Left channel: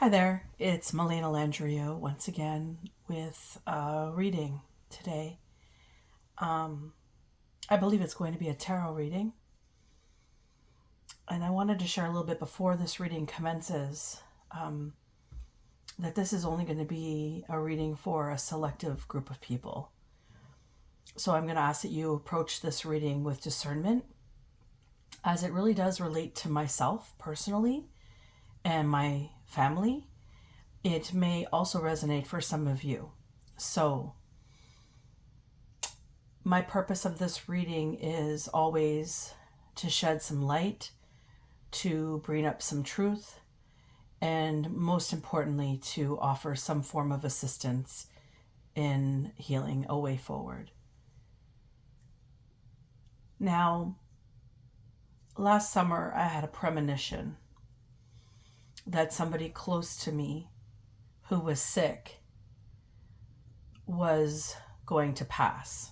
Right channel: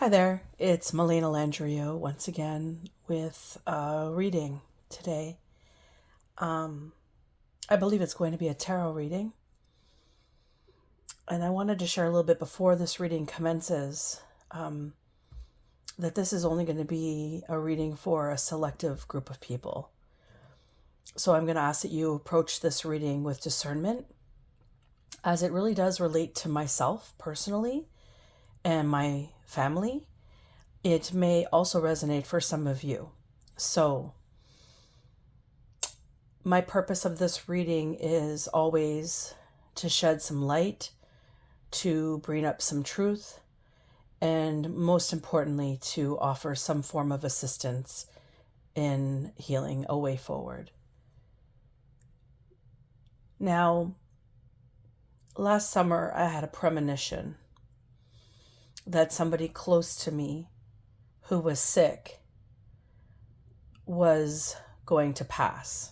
Hi there, it's Melena Landrio once again with a reading today. I believe it's going to be a tarot reading, and I wanted to share a little bit before this reading commences that this is only going to be a reading for a selective group of people. So I'm going to ask that you approach this reading with discernment, as it really does relate to myself personally and my family. It may also resonate for some of you. So, my purpose of this reading is always to shed some light, to bring up some truth, and most importantly, to offer some form of assistance in healing a way forward. Now, last summer, I had a premonition that somebody close to me who was sick was going to pass.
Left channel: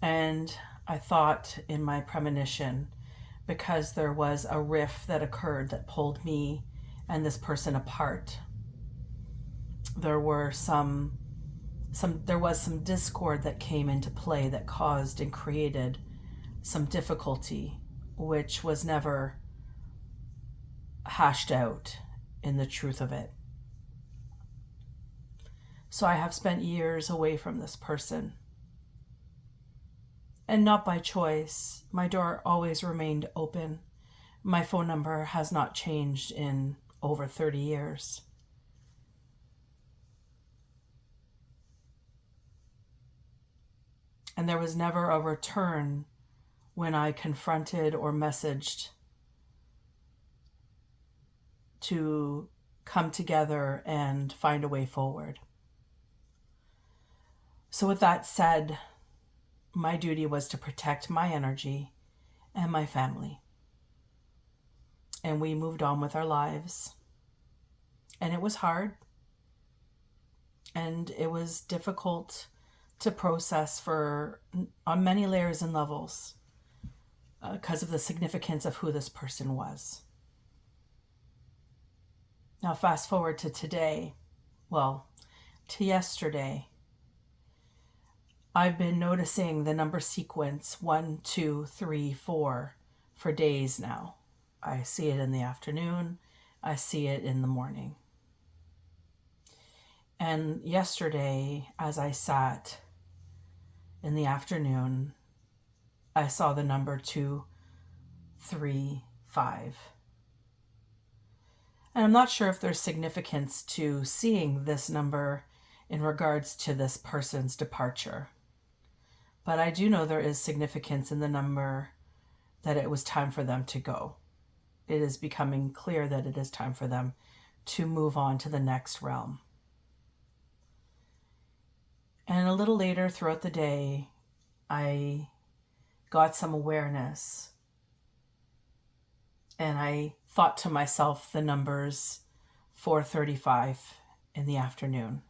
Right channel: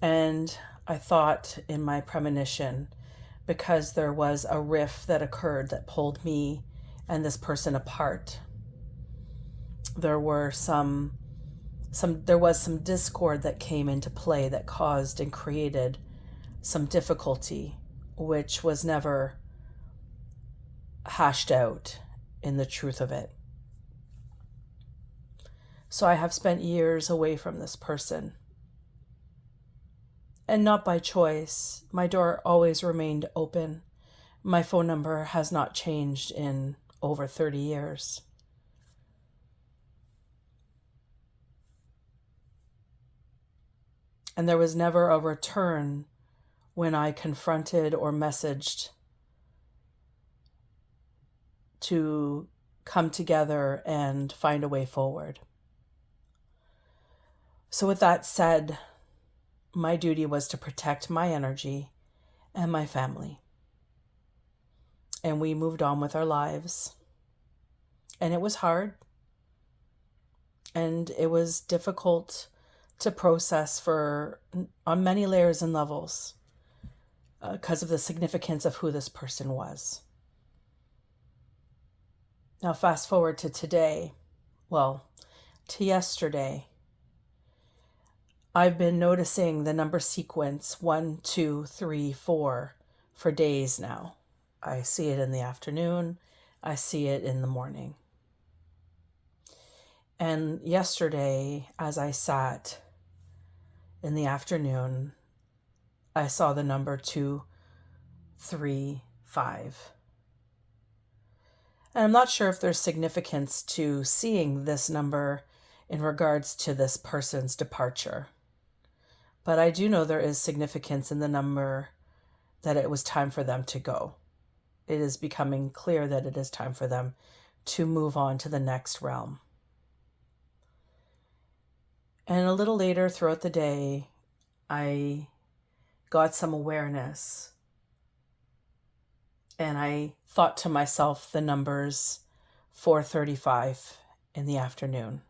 And I thought in my premonition, because there was a rift that occurred that pulled me and this person apart, there were there was some discord that came into play that caused and created some difficulty, which was never hashed out in the truth of it. So I have spent years away from this person. And not by choice. My door always remained open. My phone number has not changed in over 30 years. And there was never a return when I confronted or messaged to come together and find a way forward. So, with that said, my duty was to protect my energy and my family. And we moved on with our lives. And it was hard. And it was difficult to process on many layers and levels because of the significance of who this person was. Now, fast forward to today, to yesterday. I've been noticing the number sequence 1, 2, 3, 4 for days now. I see it in the afternoon. I see it in the morning. And yesterday, as I sat in the afternoon, I saw the number 2, 3, 5. And I'm not sure if there's significance to seeing this number in regards to this person's departure. But I do know there is significance in the number that it was time for them to go. It is becoming clear that it is time for them to move on to the next realm. And a little later throughout the day, I got some awareness. And I thought to myself the numbers 4:35 in the afternoon.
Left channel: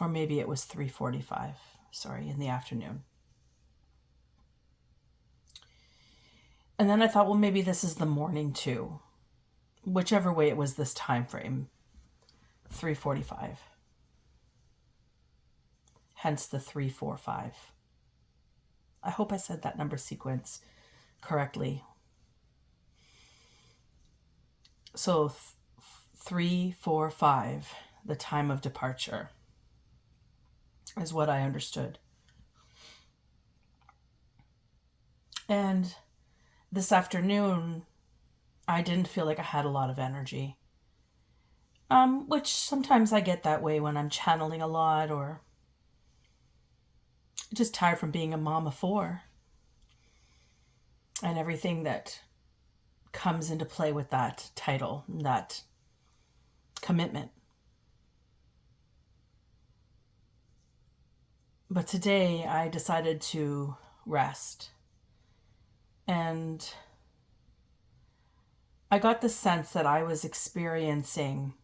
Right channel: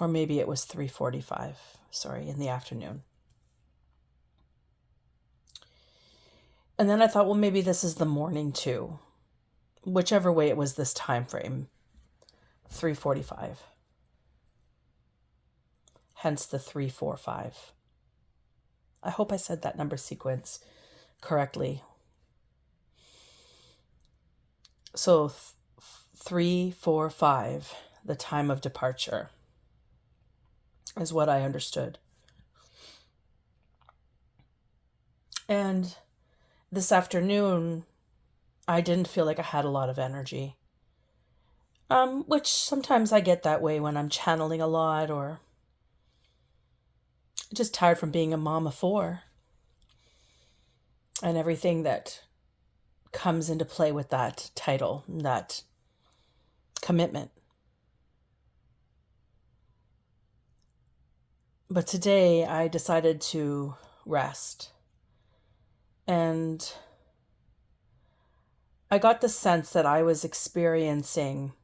Or maybe it was 3:45, in the afternoon. And then I thought, well, maybe this is the morning too. Whichever way it was this time frame, 3:45. Hence the 345. I hope I said that number sequence correctly. So 345, the time of departure, is what I understood. And this afternoon, I didn't feel like I had a lot of energy. Which sometimes I get that way when I'm channeling a lot or just tired from being a mom of 4 and everything that comes into play with that title, that commitment. But today I decided to rest. And I got the sense that I was experiencing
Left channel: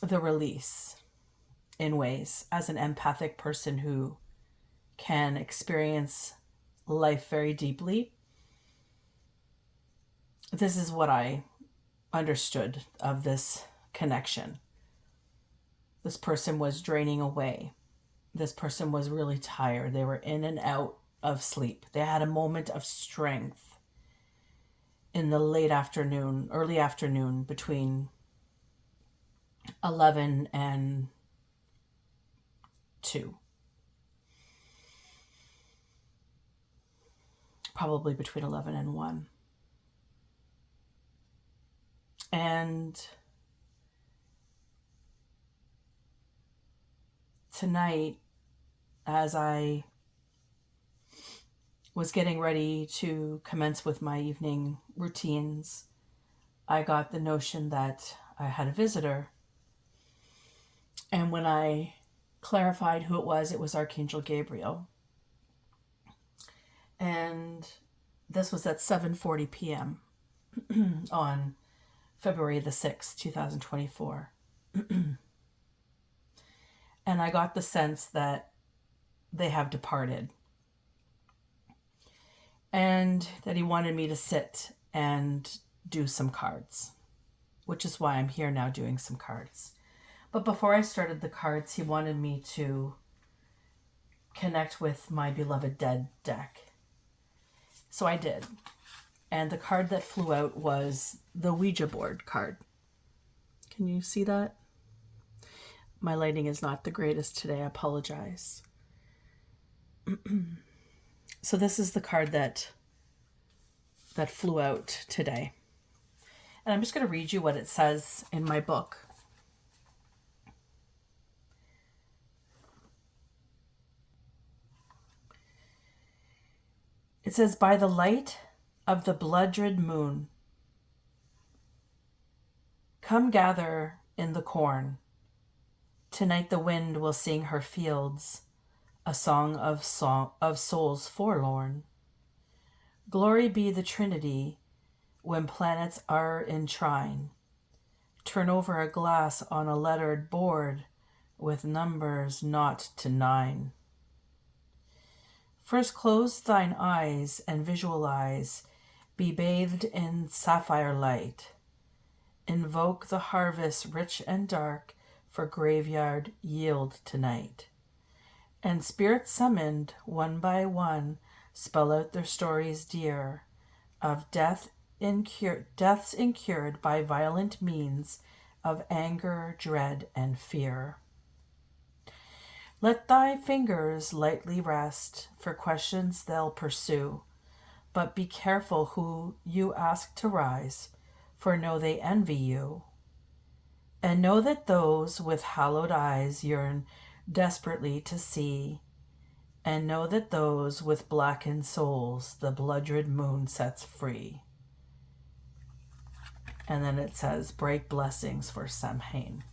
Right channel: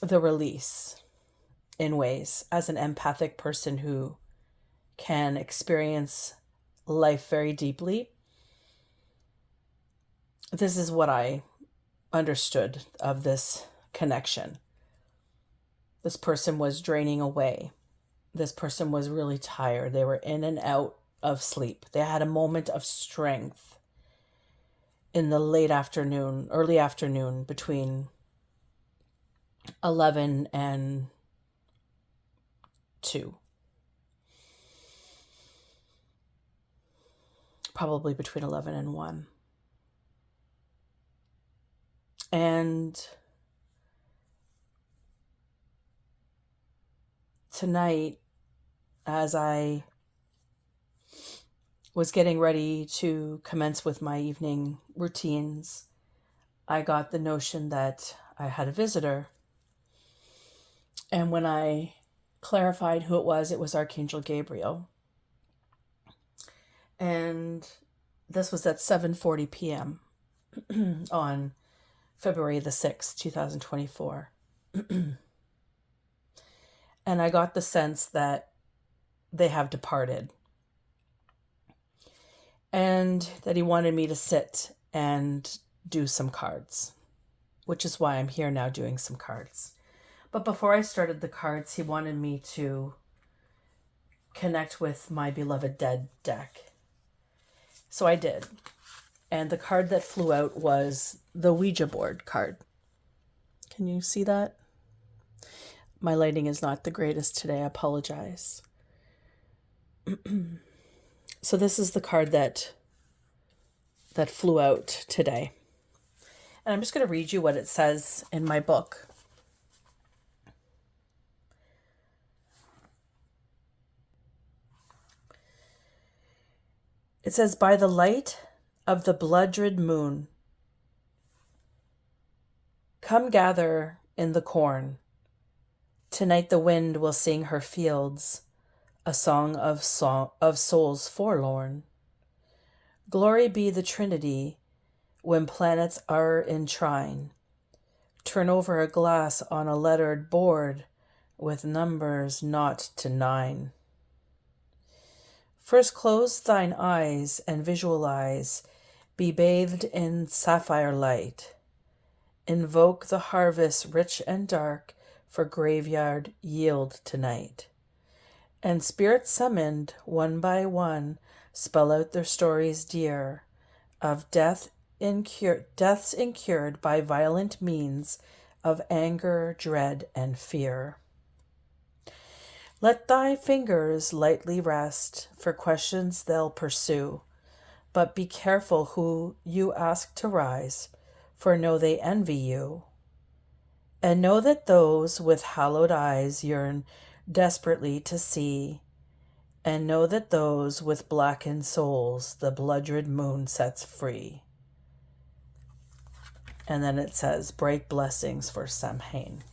the release in ways as an empathic person who can experience life very deeply, this is what I understood of this connection. This person was draining away. This person was really tired. They were in and out of sleep. They had a moment of strength in the late afternoon, early afternoon, between 11 and 2. Probably between 11 and 1. And tonight, as I was getting ready to commence with my evening routines, I got the notion that I had a visitor. And when I clarified who it was Archangel Gabriel. And this was at 7:40 p.m. on February the 6th, 2024. And I got the sense that they have departed. And that he wanted me to sit and do some cards, which is why I'm here now doing some cards. But before I started the cards, he wanted me to connect with my beloved dead deck. So I did. And the card that flew out was the Ouija board card. Can you see that? My lighting is not the greatest today. I apologize. So this is the card that flew out today. And I'm just going to read you what it says in my book. It says, by the light of the blood-red moon, come gather in the corn. Tonight the wind will sing her fields, a song of souls forlorn. Glory be the Trinity when planets are in trine. Turn over a glass on a lettered board with numbers naught to 9. First close thine eyes and visualize, be bathed in sapphire light. Invoke the harvest rich and dark, for graveyard yield tonight. And spirits summoned, one by one, spell out their stories dear, of deaths incurred by violent means, of anger, dread, and fear. Let thy fingers lightly rest, for questions they'll pursue, but be careful who you ask to rise, for know they envy you. And know that those with hallowed eyes yearn desperately to see, and know that those with blackened souls the blood-red moon sets free. And then it says, break blessings for Samhain.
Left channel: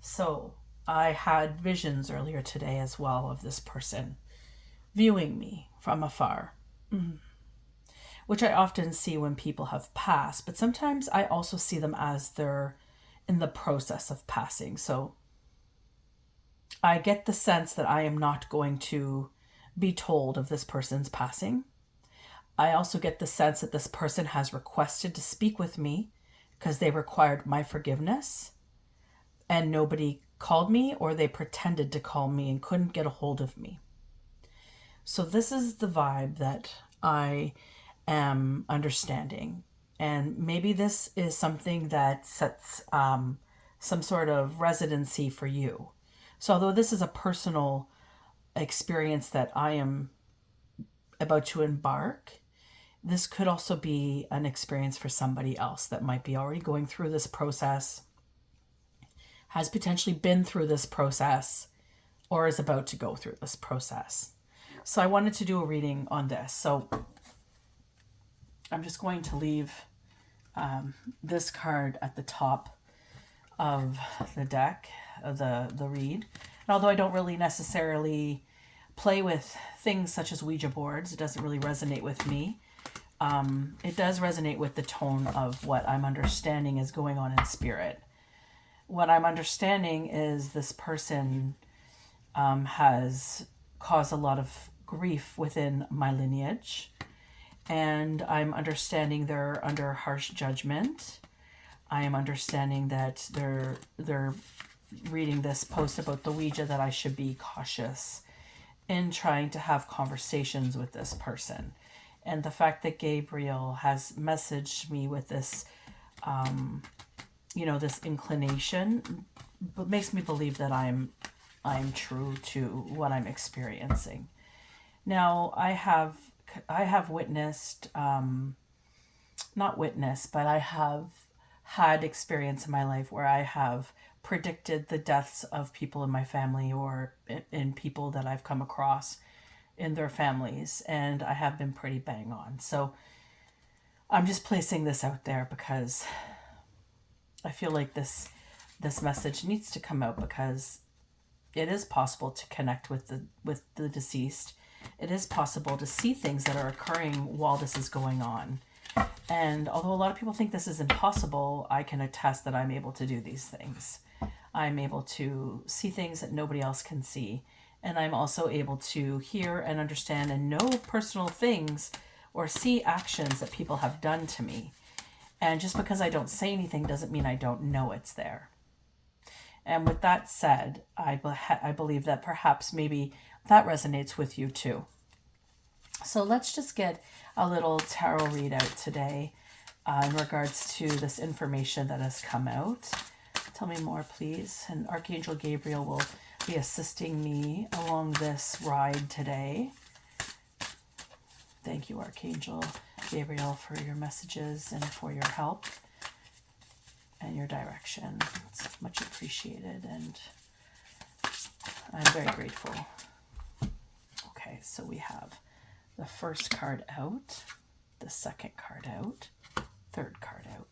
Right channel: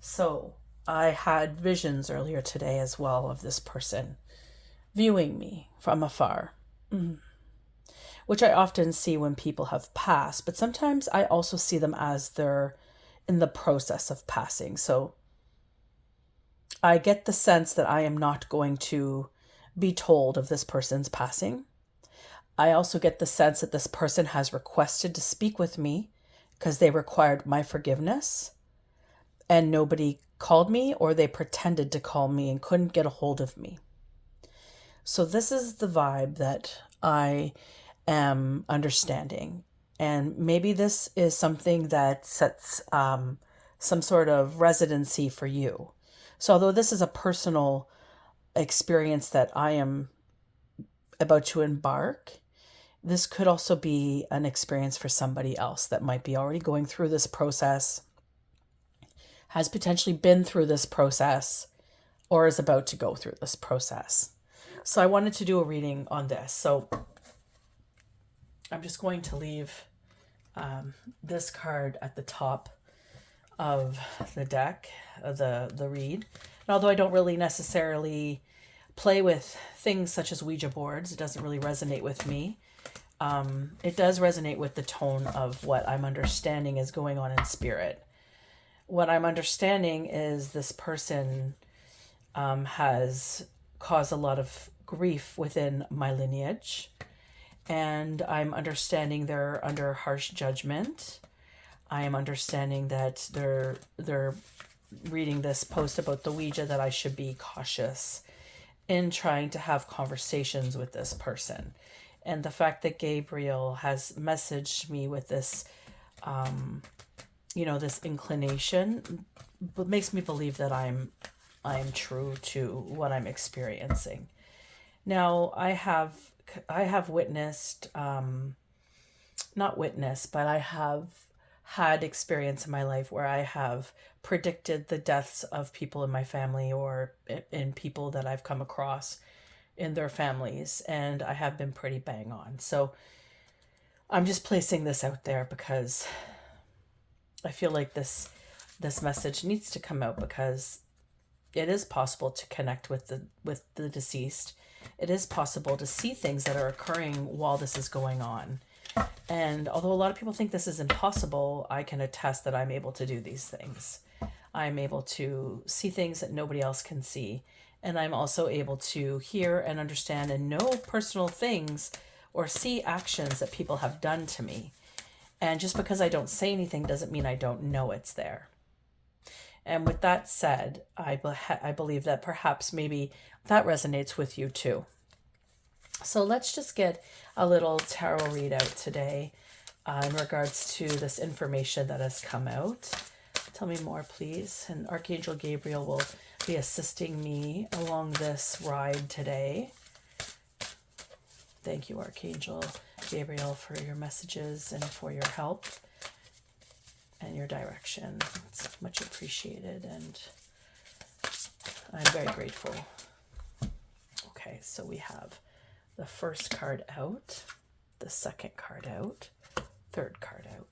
So I had visions earlier today as well of this person viewing me from afar, which I often see when people have passed, but sometimes I also see them as they're in the process of passing. So I get the sense that I am not going to be told of this person's passing. I also get the sense that this person has requested to speak with me because they required my forgiveness. And nobody called me, or they pretended to call me and couldn't get a hold of me. So this is the vibe that I am understanding. And maybe this is something that sets some sort of residency for you. So although this is a personal experience that I am about to embark, this could also be an experience for somebody else that might be already going through this process, has potentially been through this process, or is about to go through this process. So I wanted to do a reading on this. So I'm just going to leave this card at the top of the deck, the read. And although I don't really necessarily play with things such as Ouija boards, it doesn't really resonate with me. It does resonate with the tone of what I'm understanding is going on in spirit. What I'm understanding is this person has caused a lot of grief within my lineage. And I'm understanding they're under harsh judgment. I am understanding that they're reading this post about the Ouija, that I should be cautious in trying to have conversations with this person. And the fact that Gabriel has messaged me with this, this inclination, makes me believe that I'm true to what I'm experiencing. Now, I have witnessed, not witnessed, but I have had experience in my life where I have predicted the deaths of people in my family or in people that I've come across in their families, and I have been pretty bang on. So I'm just placing this out there because I feel like this message needs to come out, because it is possible to connect with the deceased. It is possible to see things that are occurring while this is going on. And although a lot of people think this is impossible, I can attest that I'm able to do these things. I'm able to see things that nobody else can see. And I'm also able to hear and understand and know personal things or see actions that people have done to me. And just because I don't say anything doesn't mean I don't know it's there. And with that said, I believe that perhaps maybe that resonates with you too. So let's just get a little tarot readout today in regards to this information that has come out. Tell me more, please. And Archangel Gabriel will be assisting me along this ride today. Thank you, Archangel Gabriel, for your messages and for your help and your direction. It's much appreciated, and I'm very grateful. Okay, so we have the first card out, the second card out, third card out.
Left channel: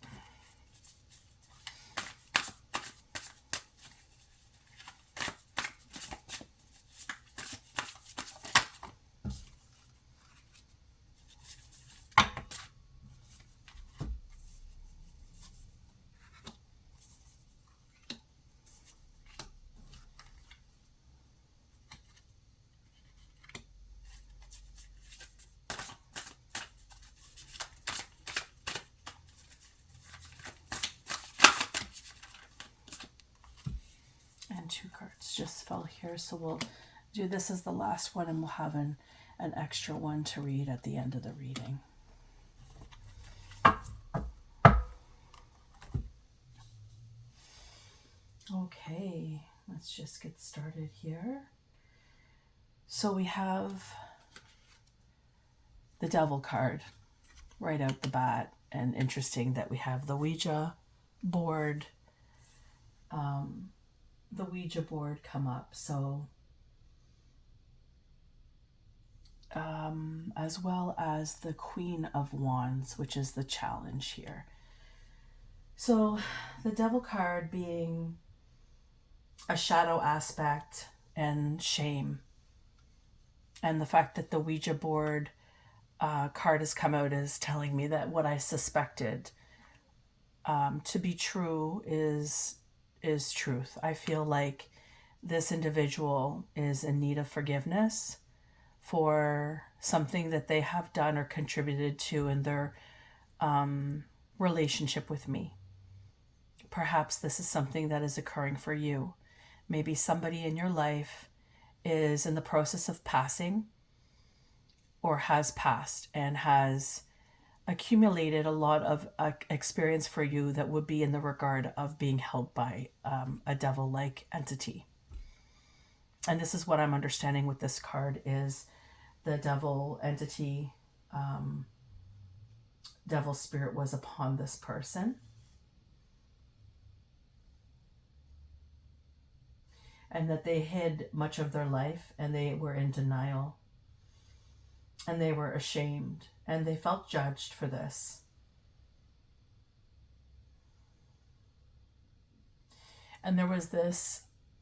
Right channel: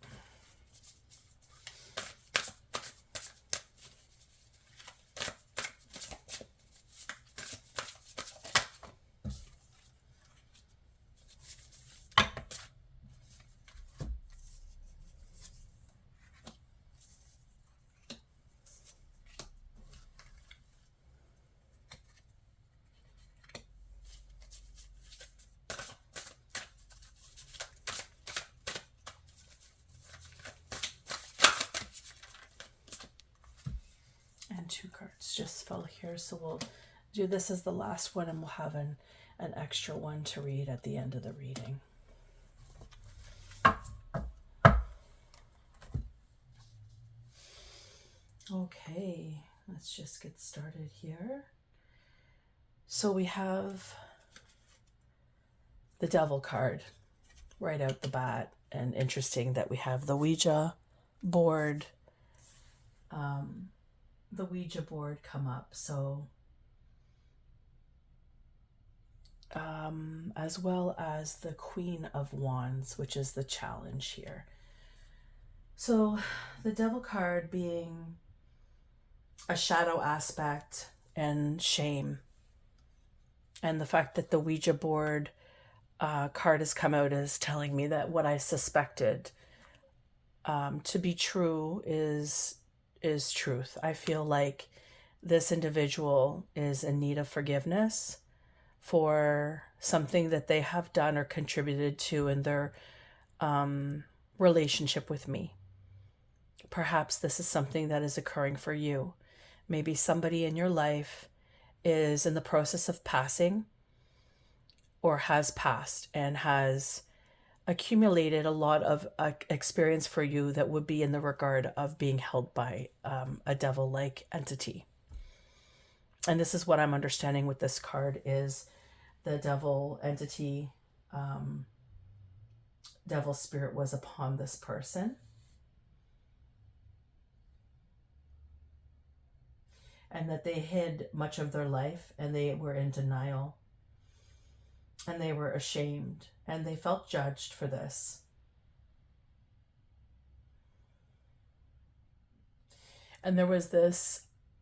Two cards just fell here, so we'll do this as the last one, and we'll have an extra one to read at the end of the reading. Okay, let's just get started here. So we have the Devil card right out the bat, and interesting that we have the Ouija board come up. So as well as the Queen of Wands, which is the challenge here. So the Devil card being a shadow aspect and shame, and the fact that the Ouija board card has come out is telling me that what I suspected to be true is truth. I feel like this individual is in need of forgiveness for something that they have done or contributed to in their relationship with me. Perhaps this is something that is occurring for you. Maybe somebody in your life is in the process of passing or has passed and has accumulated a lot of experience for you that would be in the regard of being held by a devil-like entity. And this is what I'm understanding with this card is the devil entity, devil spirit was upon this person. And that they hid much of their life, and they were in denial, and they were ashamed, and they felt judged for this. And there was this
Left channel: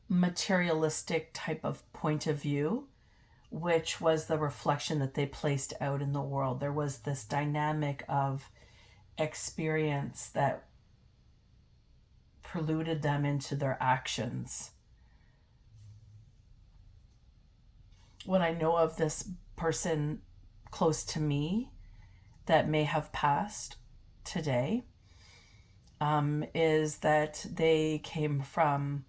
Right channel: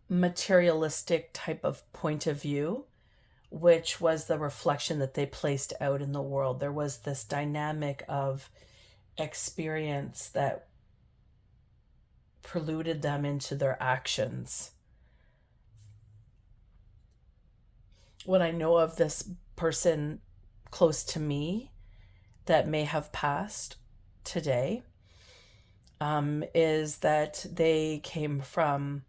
materialistic type of point of view, which was the reflection that they placed out in the world. There was this dynamic of experience that preluded them into their actions. what I know of this person close to me that may have passed today, is that they came from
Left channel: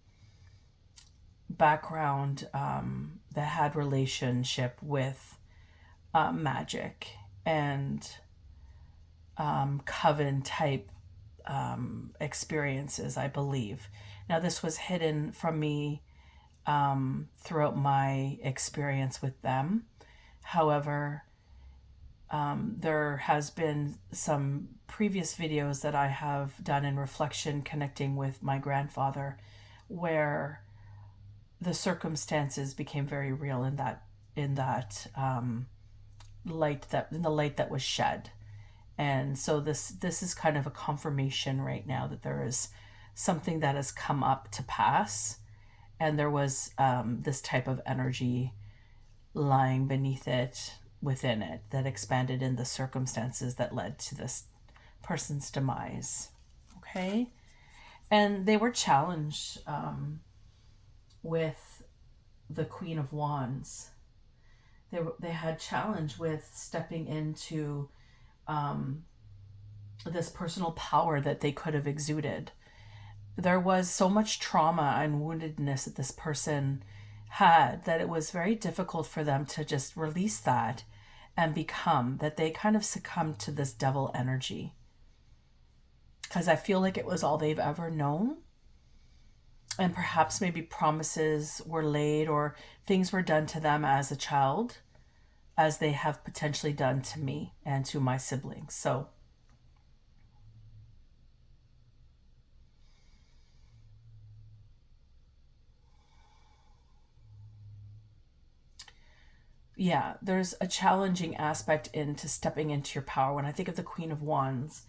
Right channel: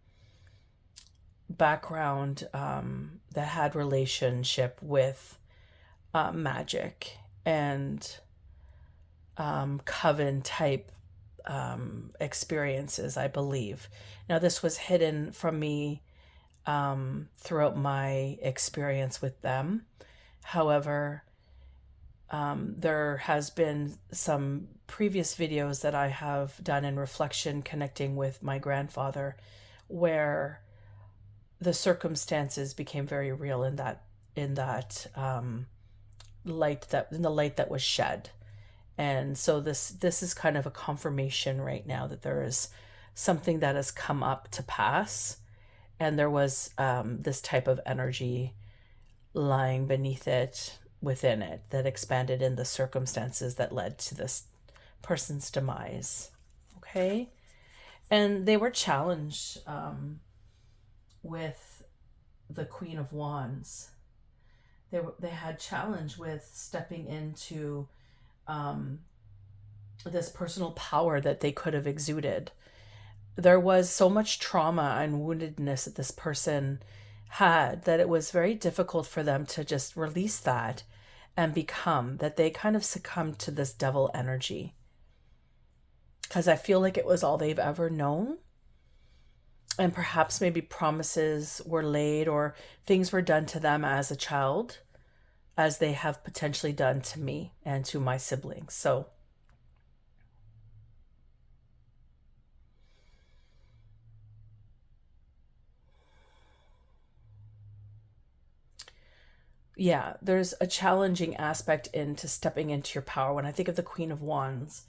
background that had relationship with magic and coven type experiences, I believe. Now, this was hidden from me throughout my experience with them. However, there has been some previous videos that I have done in reflection connecting with my grandfather where the circumstances became very real in that light that in the light that was shed. And so this is kind of a confirmation right now that there is something that has come up to pass, and there was this type of energy lying beneath it, within it, that expanded in the circumstances that led to this person's demise. Okay, and they were challenged with the Queen of Wands. They had challenge with stepping into this personal power that they could have exuded. There was so much trauma and woundedness that this person had that it was very difficult for them to just release that and become that. They kind of succumbed to this devil energy because I feel like it was all they've ever known. And perhaps maybe promises were laid or things were done to them as a child, as they have potentially done to me and to my siblings. So yeah, there's a challenging aspect into stepping into your power. When I think of the Queen of Wands,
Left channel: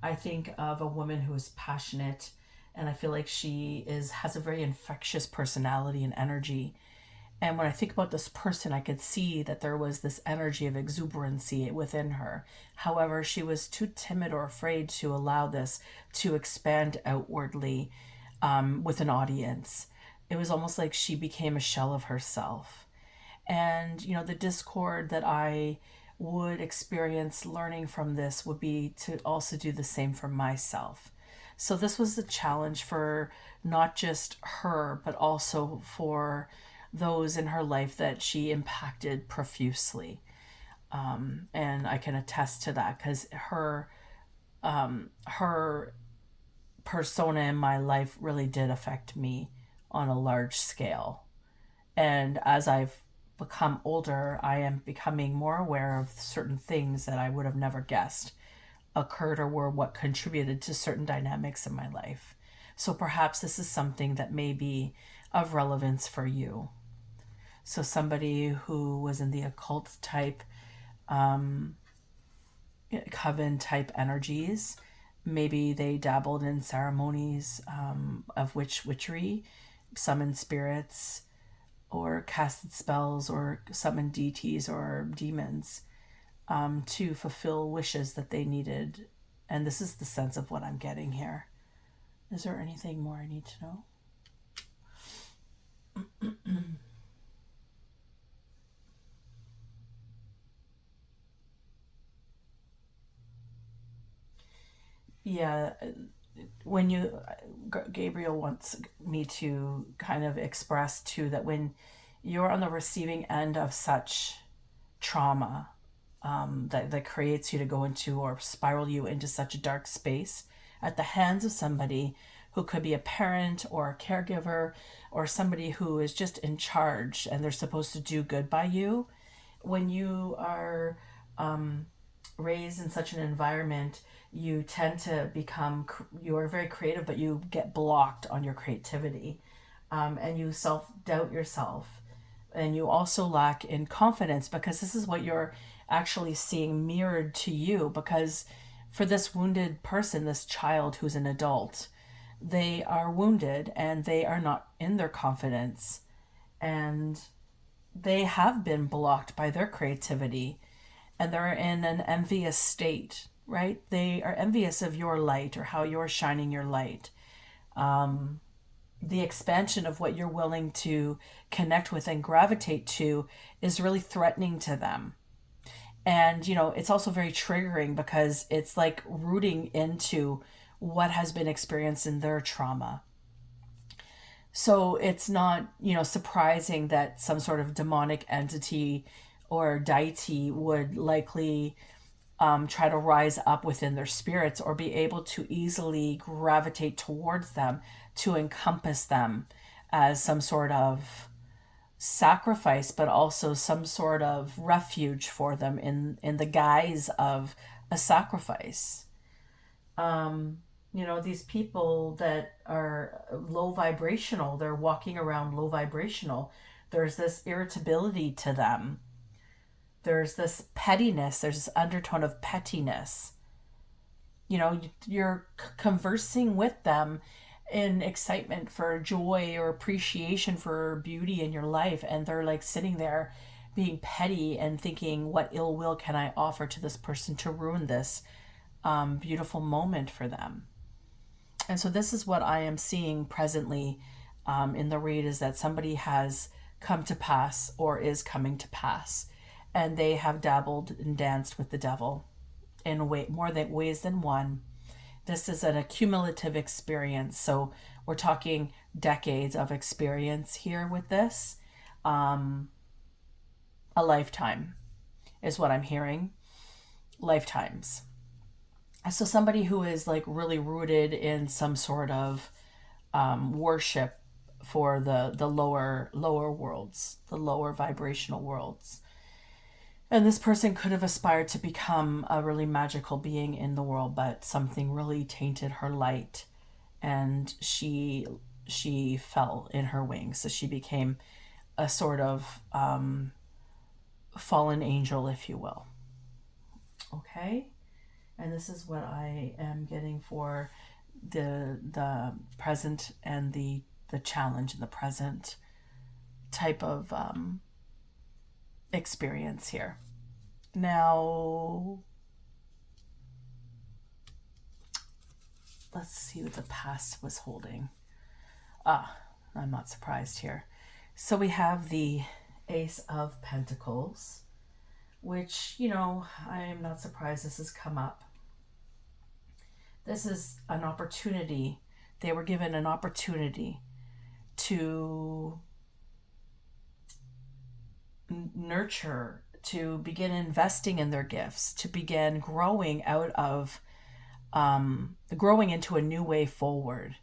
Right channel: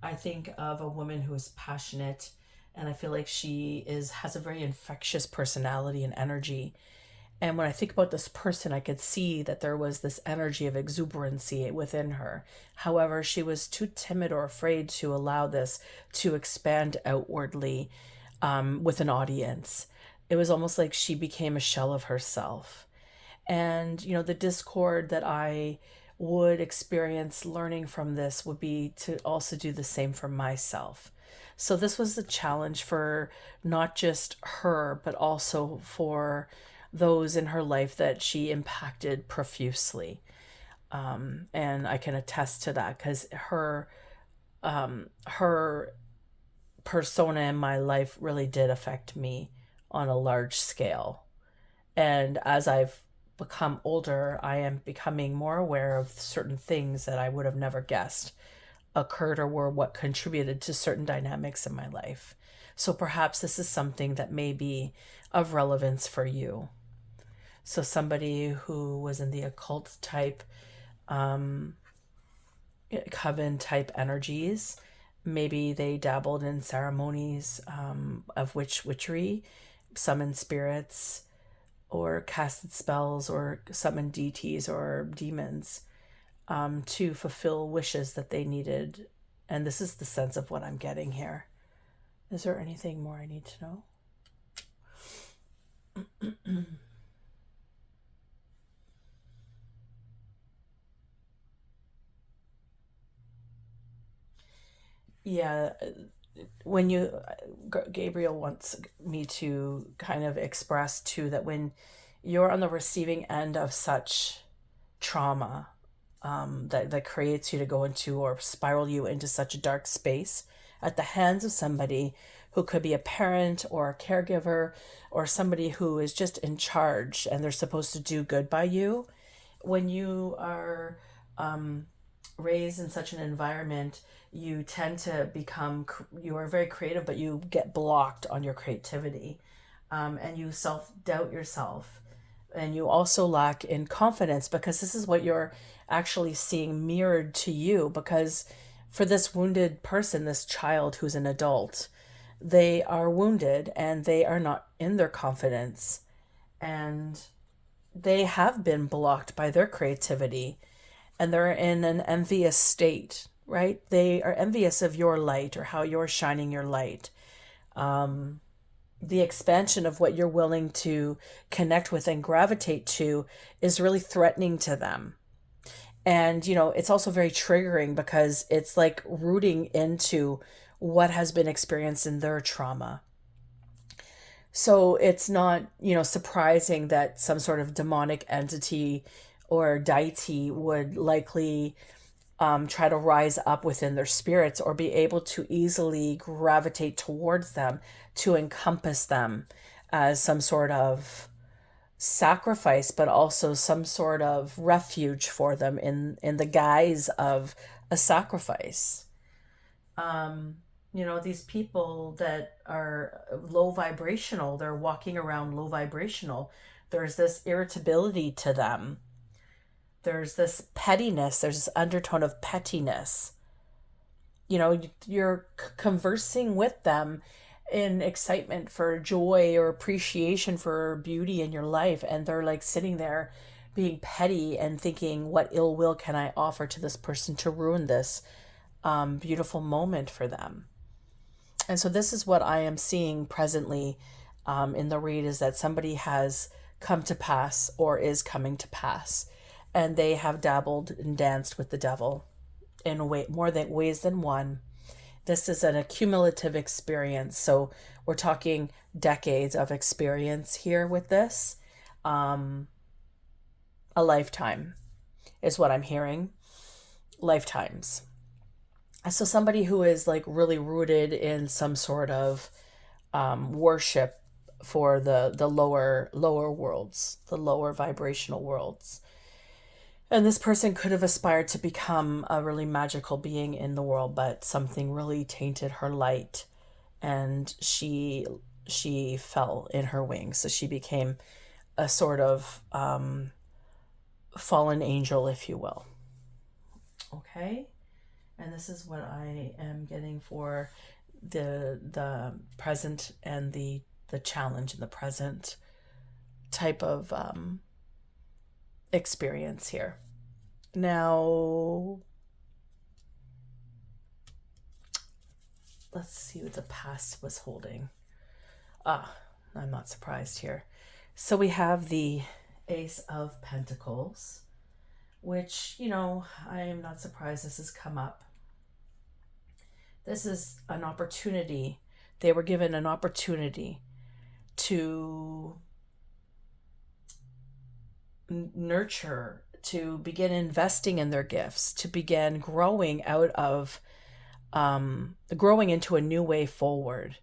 I think of a woman who is passionate, and I feel like she is has a very infectious personality and energy. And when I think about this person, I could see that there was this energy of exuberancy within her. However, she was too timid or afraid to allow this to expand outwardly with an audience. It was almost like she became a shell of herself. And, the discord that I would experience learning from this would be to also do the same for myself. So this was a challenge for not just her, but also for those in her life that she impacted profusely. And I can attest to that because her persona in my life really did affect me on a large scale. And as I've become older, I am becoming more aware of certain things that I would have never guessed occurred or were what contributed to certain dynamics in my life. So perhaps this is something that may be of relevance for you. So somebody who was in the occult type, coven type energies, maybe they dabbled in ceremonies of witchery, summoned spirits, or casted spells, or summoned deities or demons to fulfill wishes that they needed. And this is the sense of what I'm getting here. Is there anything more I need to know? Yeah, when you, Gabriel wants me to kind of express too that when you're on the receiving end of such trauma, that creates you to go into or spiral you into such a dark space at the hands of somebody who could be a parent or a caregiver or somebody who is just in charge and they're supposed to do good by you. When you are raised in such an environment, you tend to become, you are very creative, but you get blocked on your creativity, and you self doubt yourself. And you also lack in confidence because this is what you're actually seeing mirrored to you. Because for this wounded person, this child who's an adult, they are wounded and they are not in their confidence. And they have been blocked by their creativity and they're in an envious state, right? They are envious of your light or how you're shining your light. the expansion of what you're willing to connect with and gravitate to is really threatening to them. And, it's also very triggering because it's like rooting into what has been experienced in their trauma. So it's not, surprising that some sort of demonic entity or deity would likely try to rise up within their spirits or be able to easily gravitate towards them to encompass them as some sort of sacrifice, but also some sort of refuge for them in the guise of a sacrifice. These people that are low vibrational, they're walking around low vibrational. There's this irritability to them. There's this pettiness. There's this undertone of pettiness. You're conversing with them in excitement for joy or appreciation for beauty in your life, and they're like sitting there being petty and thinking, what ill will can I offer to this person to ruin this beautiful moment for them? And so this is what I am seeing presently in the read, is that somebody has come to pass or is coming to pass, and they have dabbled and danced with the devil in more than ways than one. This is an accumulative experience. So we're talking decades of experience here with this. A lifetime is what I'm hearing. Lifetimes. So somebody who is like really rooted in some sort of worship for the lower worlds, the lower vibrational worlds. And this person could have aspired to become a really magical being in the world, but something really tainted her light, and she fell in her wings. So she became a sort of fallen angel, if you will. Okay, and this is what I am getting for the present and the challenge in the present type of experience here. Now, let's see what the past was holding. I'm not surprised here. So we have the Ace of Pentacles, which, I am not surprised this has come up. This is an opportunity. They were given an opportunity to nurture, to begin investing in their gifts, to begin growing out of growing into a new way forward,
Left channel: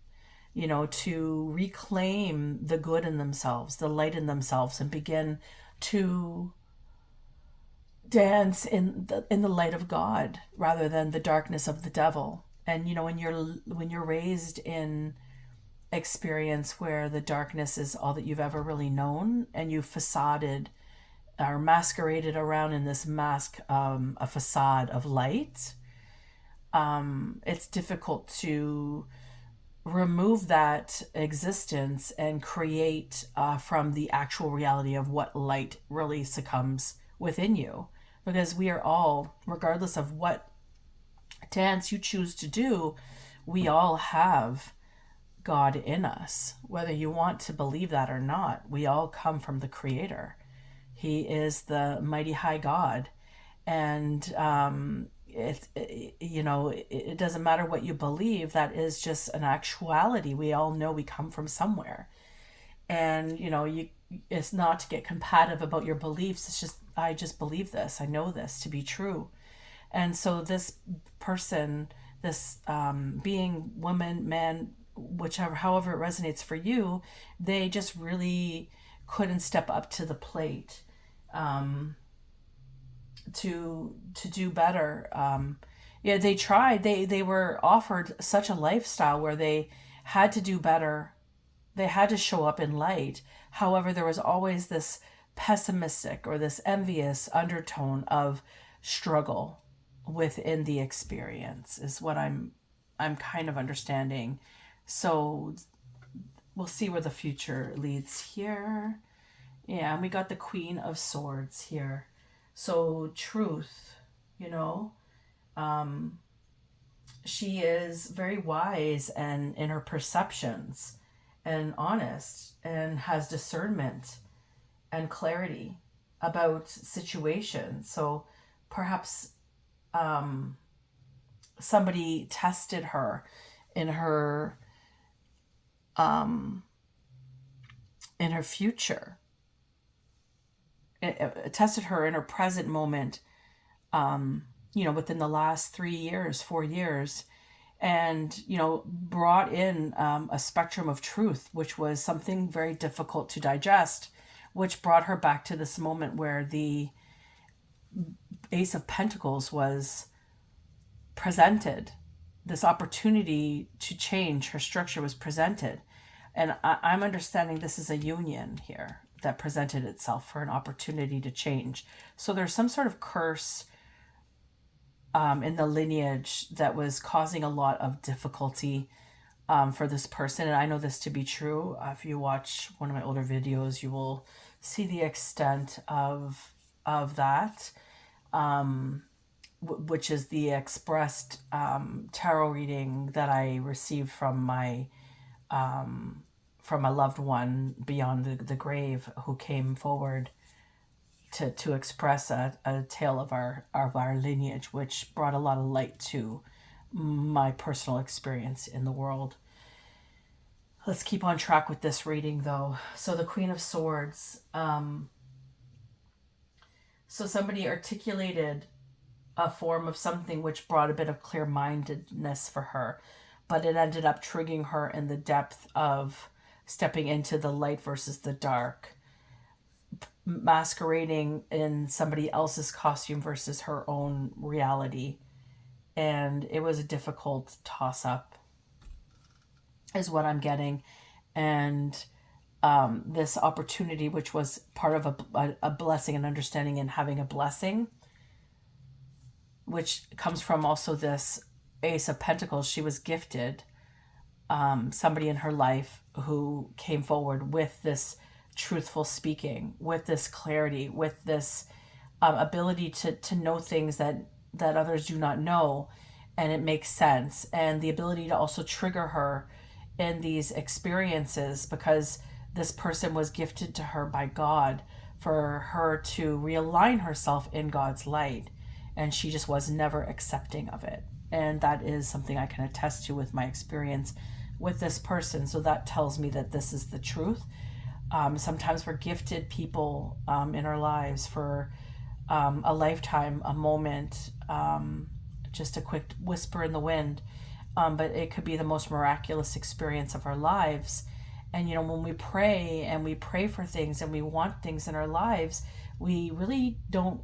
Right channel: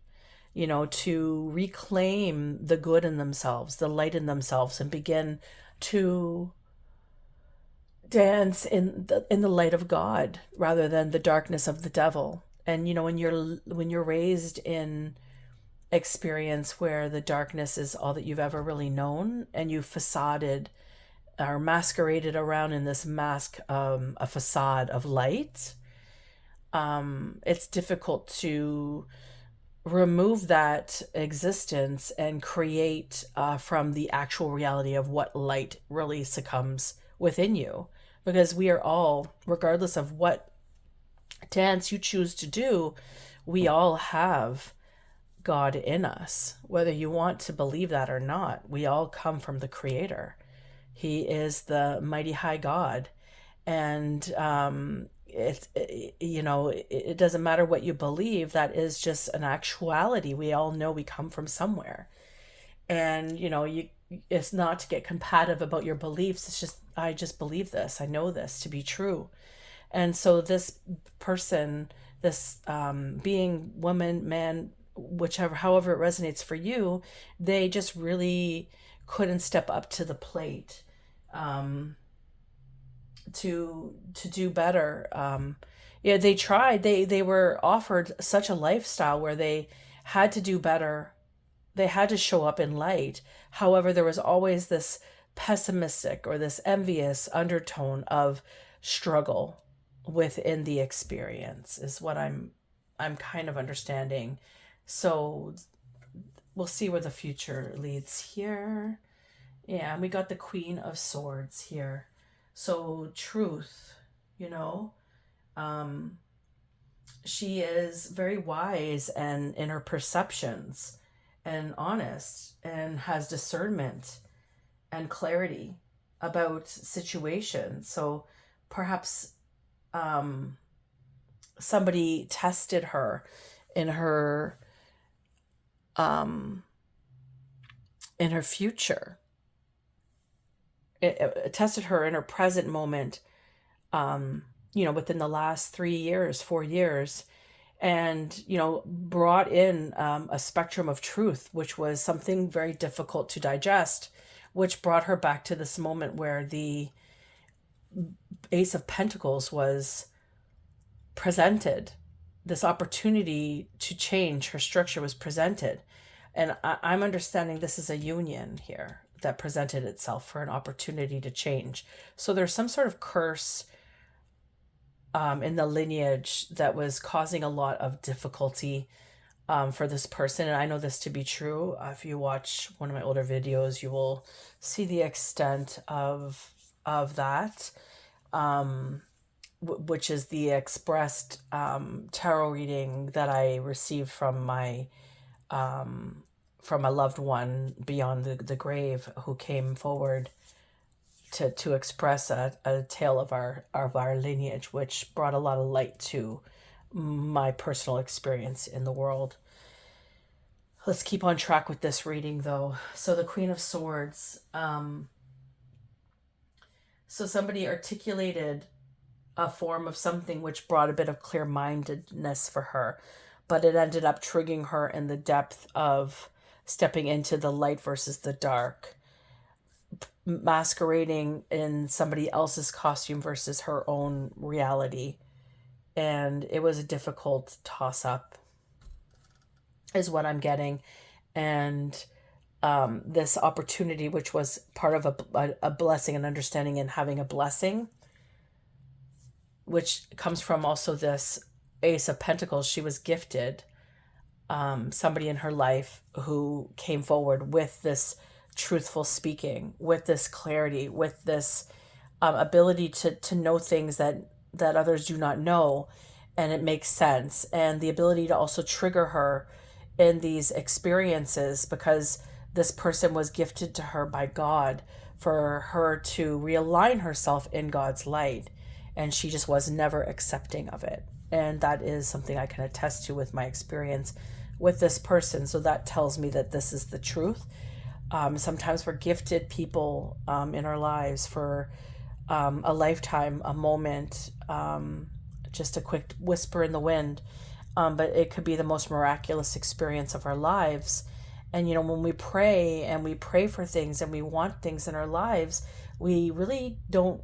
to reclaim the good in themselves, the light in themselves, and begin to dance in the light of God rather than the darkness of the devil. And when you're raised in experience where the darkness is all that you've ever really known, and you facaded or masqueraded around in this mask, a facade of light, it's difficult to remove that existence and create from the actual reality of what light really succumbs within you. Because we are all, regardless of what dance you choose to do, we all have God in us. Whether you want to believe that or not, we all come from the Creator. He is the mighty high God. And it doesn't matter what you believe, that is just an actuality. We all know we come from somewhere. And it's not to get combative about your beliefs. It's just, I just believe this, I know this to be true. And so this person, this being, woman, man, however it resonates for you, they just really couldn't step up to the plate to do better. They tried. They were offered such a lifestyle where they had to do better. They had to show up in light. However, there was always this pessimistic or this envious undertone of struggle within the experience, is what I'm kind of understanding. So we'll see where the future leads here. Yeah, we got the Queen of Swords here. So truth, she is very wise and in her perceptions, and honest and has discernment and clarity about situations. So perhaps somebody tested her in her in her future. It tested her in her present moment, within the last 3 years, 4 years, and, brought in a spectrum of truth, which was something very difficult to digest, which brought her back to this moment where the Ace of Pentacles was presented. This opportunity to change her structure was presented. And I'm understanding this is a union here that presented itself for an opportunity to change. So there's some sort of curse in the lineage that was causing a lot of difficulty for this person. And I know this to be true. If you watch one of my older videos, you will see the extent of that, which is the expressed tarot reading that I received from my loved one beyond the grave, who came forward to express a tale of our lineage, which brought a lot of light to my personal experience in the world. Let's keep on track with this reading, though. So the Queen of Swords. So somebody articulated a form of something which brought a bit of clear-mindedness for her, but it ended up triggering her in the depth of stepping into the light versus the dark, masquerading in somebody else's costume versus her own reality. And it was a difficult toss-up, is what I'm getting. And this opportunity, which was part of a blessing and understanding and having a blessing, which comes from also this Ace of Pentacles. She was gifted somebody in her life who came forward with this truthful speaking, with this clarity, with this ability to know things that others do not know, and it makes sense, and the ability to also trigger her in these experiences, because this person was gifted to her by God for her to realign herself in God's light, and she just was never accepting of it. And that is something I can attest to with my experience with this person. So that tells me that this is the truth. Sometimes we're gifted people in our lives for a lifetime, a moment, just a quick whisper in the wind. But it could be the most miraculous experience of our lives. And, when we pray and we pray for things and we want things in our lives, we really don't,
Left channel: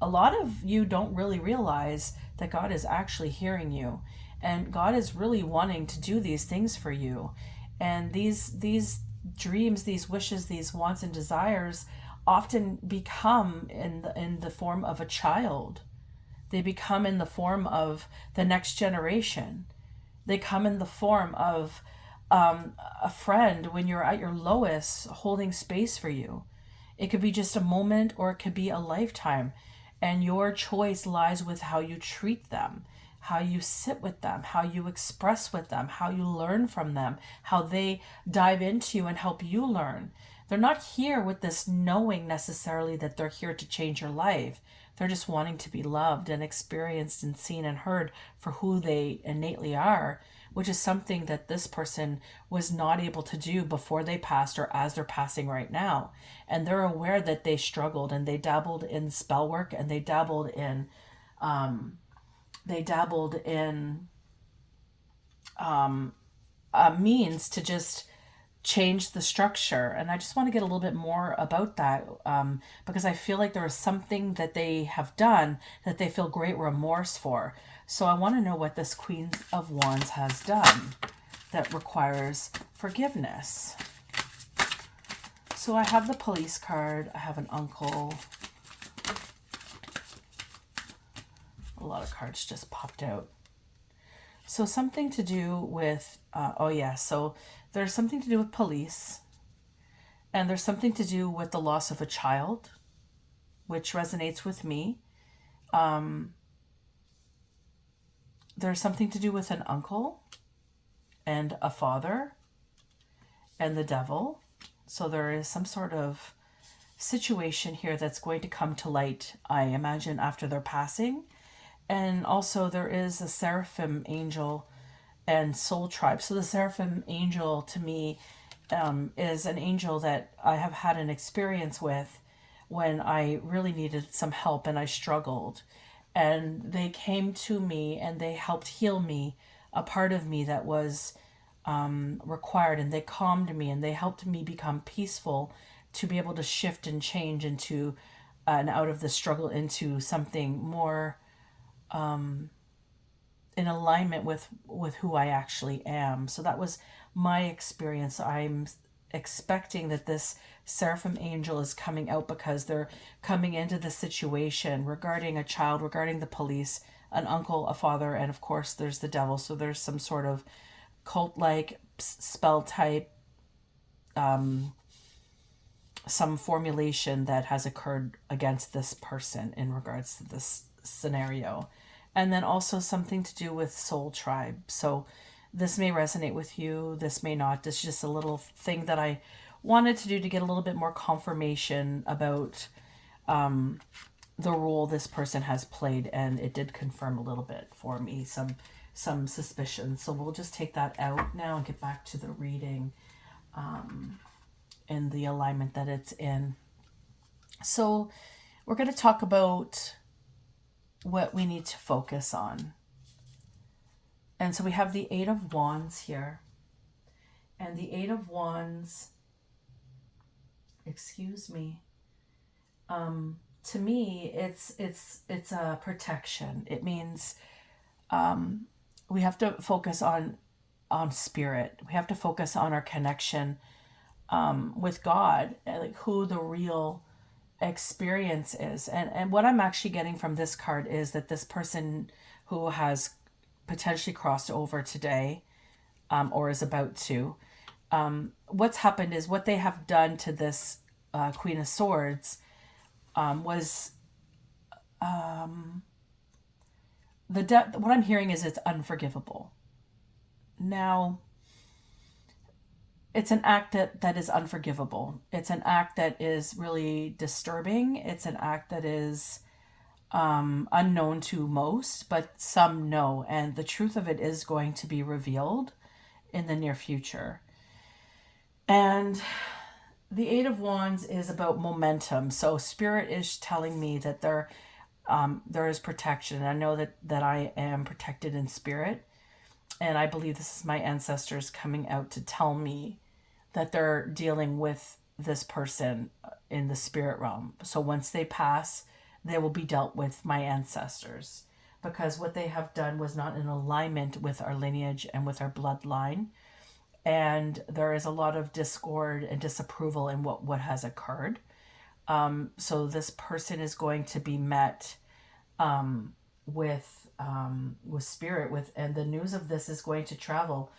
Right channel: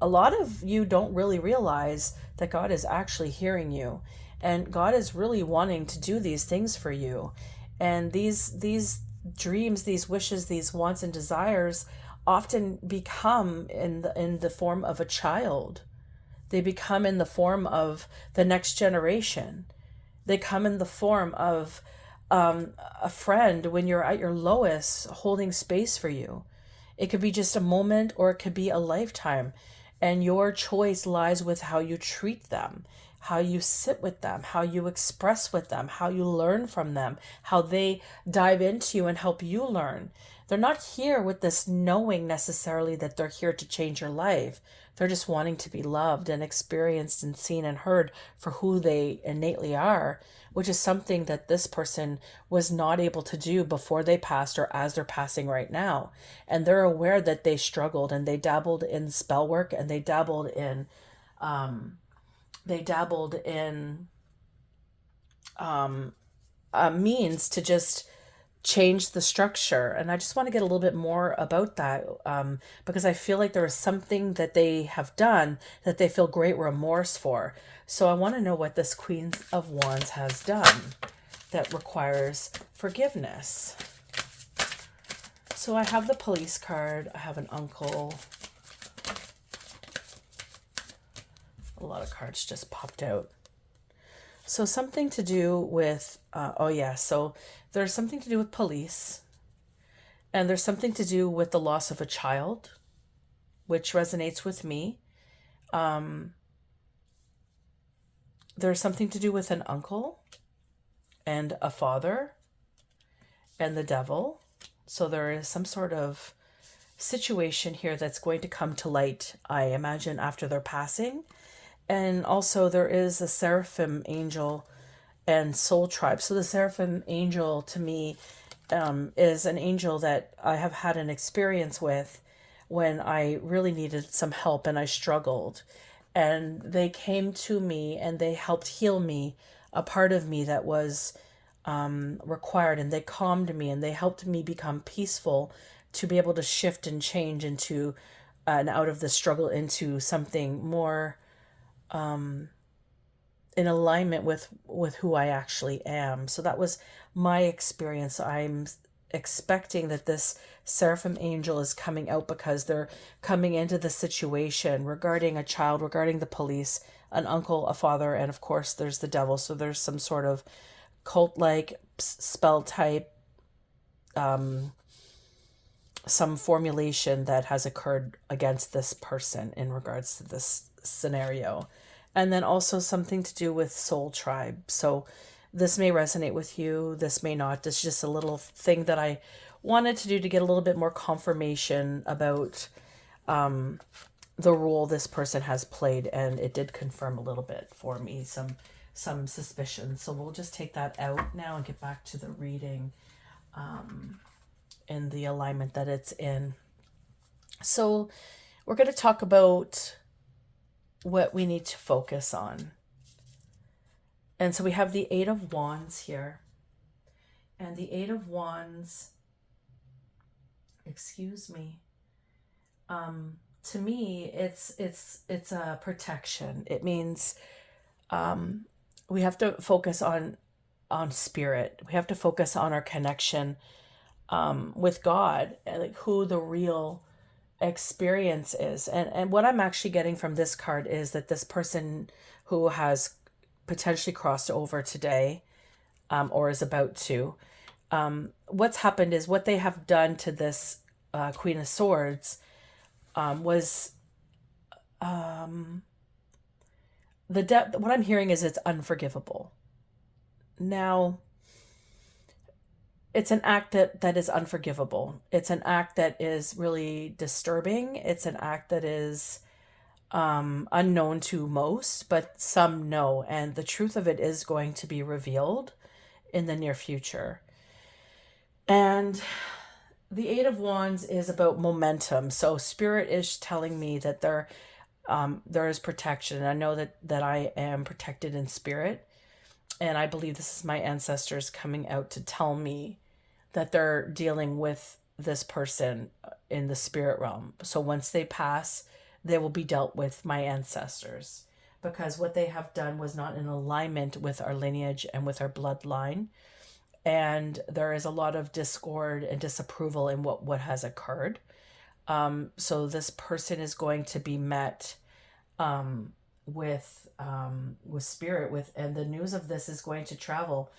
a lot of you don't really realize that God is actually hearing you. And God is really wanting to do these things for you. And these dreams, these wishes, these wants and desires often become in the form of a child. They become in the form of the next generation. They come in the form of a friend when you're at your lowest, holding space for you. It could be just a moment, or it could be a lifetime. And your choice lies with how you treat them, how you sit with them, how you express with them, how you learn from them, how they dive into you and help you learn. They're not here with this knowing necessarily that they're here to change your life. They're just wanting to be loved and experienced and seen and heard for who they innately are, which is something that this person was not able to do before they passed or as they're passing right now. And they're aware that they struggled, and they dabbled in spell work, and they dabbled in means to just change the structure. And I just want to get a little bit more about that, because I feel like there is something that they have done that they feel great remorse for. So I want to know what this Queen of Wands has done that requires forgiveness. So I have the Police card. I have an uncle. A lot of cards just popped out. So something to do with, so there's something to do with police, and there's something to do with the loss of a child, which resonates with me. There's something to do with an uncle and a father, and the devil. So there is some sort of situation here that's going to come to light, I imagine, after their passing. And also there is a seraphim angel and soul tribe. So the seraphim angel to me is an angel that I have had an experience with when I really needed some help and I struggled. And they came to me and they helped heal me, a part of me that was required, and they calmed me and they helped me become peaceful to be able to shift and change into and out of the struggle into something more in alignment with who I actually am. So that was my experience. I'm expecting that this seraphim angel is coming out because they're coming into the situation regarding a child, regarding the police, an uncle, a father, and of course there's the devil. So there's some sort of cult like spell type, some formulation that has occurred against this person in regards to this scenario. And then also something to do with soul tribe. So this may resonate with you, this may not. This is just a little thing that I wanted to do to get a little bit more confirmation about the role this person has played, and it did confirm a little bit for me some suspicion. So we'll just take that out now and get back to the reading in the alignment that it's in. So we're going to talk about what we need to focus on. And so we have the Eight of Wands here. And the Eight of Wands, excuse me, to me, it's a protection. It means we have to focus on spirit. We have to focus on our connection with God, and like who the real experience is. And what I'm actually getting from this card is that this person who has potentially crossed over today, or is about to, what's happened is what they have done to this Queen of Swords was what I'm hearing is it's unforgivable. Now, it's an act that is unforgivable. It's an act that is really disturbing. It's an act that is unknown to most, but some know. And the truth of it is going to be revealed in the near future. And the Eight of Wands is about momentum. So Spirit is telling me that there is protection. I know that I am protected in spirit. And I believe this is my ancestors coming out to tell me that they're dealing with this person in the spirit realm. So once they pass, they will be dealt with my ancestors, because what they have done was not in alignment with our lineage and with our bloodline. And there is a lot of discord and disapproval in what has occurred. So this person is going to be met with spirit, and the news of this is going to travel,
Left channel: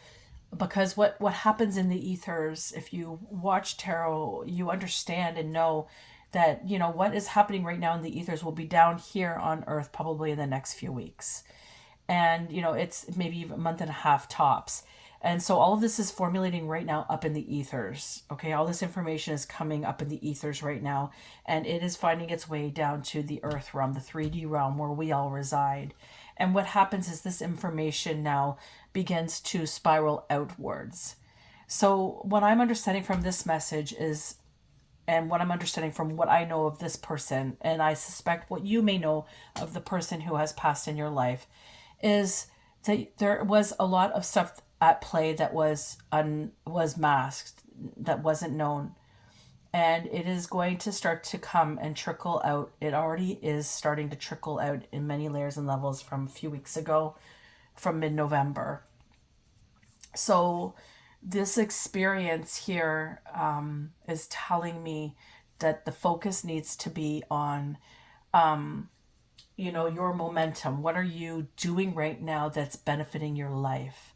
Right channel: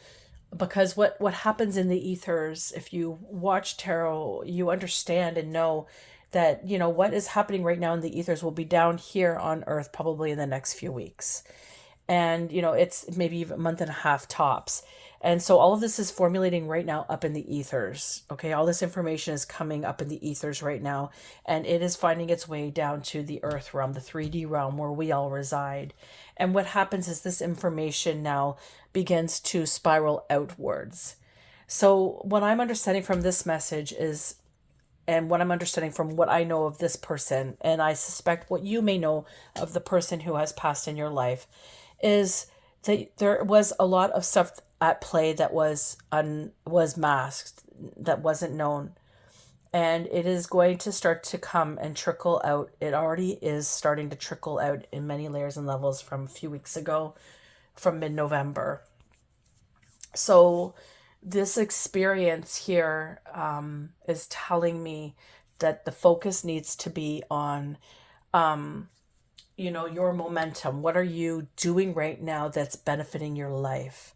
because what happens in the ethers, if you watch tarot, you understand and know that what is happening right now in the ethers will be down here on earth probably in the next few weeks, and it's maybe even a month and a half tops. And so all of this is formulating right now up in the ethers. Okay, all this information is coming up in the ethers right now, and it is finding its way down to the earth realm, the 3D realm where we all reside. And what happens is this information now begins to spiral outwards. So what I'm understanding from this message is, and what I'm understanding from what I know of this person, and I suspect what you may know of the person who has passed in your life, is that there was a lot of stuff at play that was masked, that wasn't known. And it is going to start to come and trickle out. It already is starting to trickle out in many layers and levels from a few weeks ago, from mid-November. So this experience here is telling me that the focus needs to be on your momentum. What are you doing right now that's benefiting your life?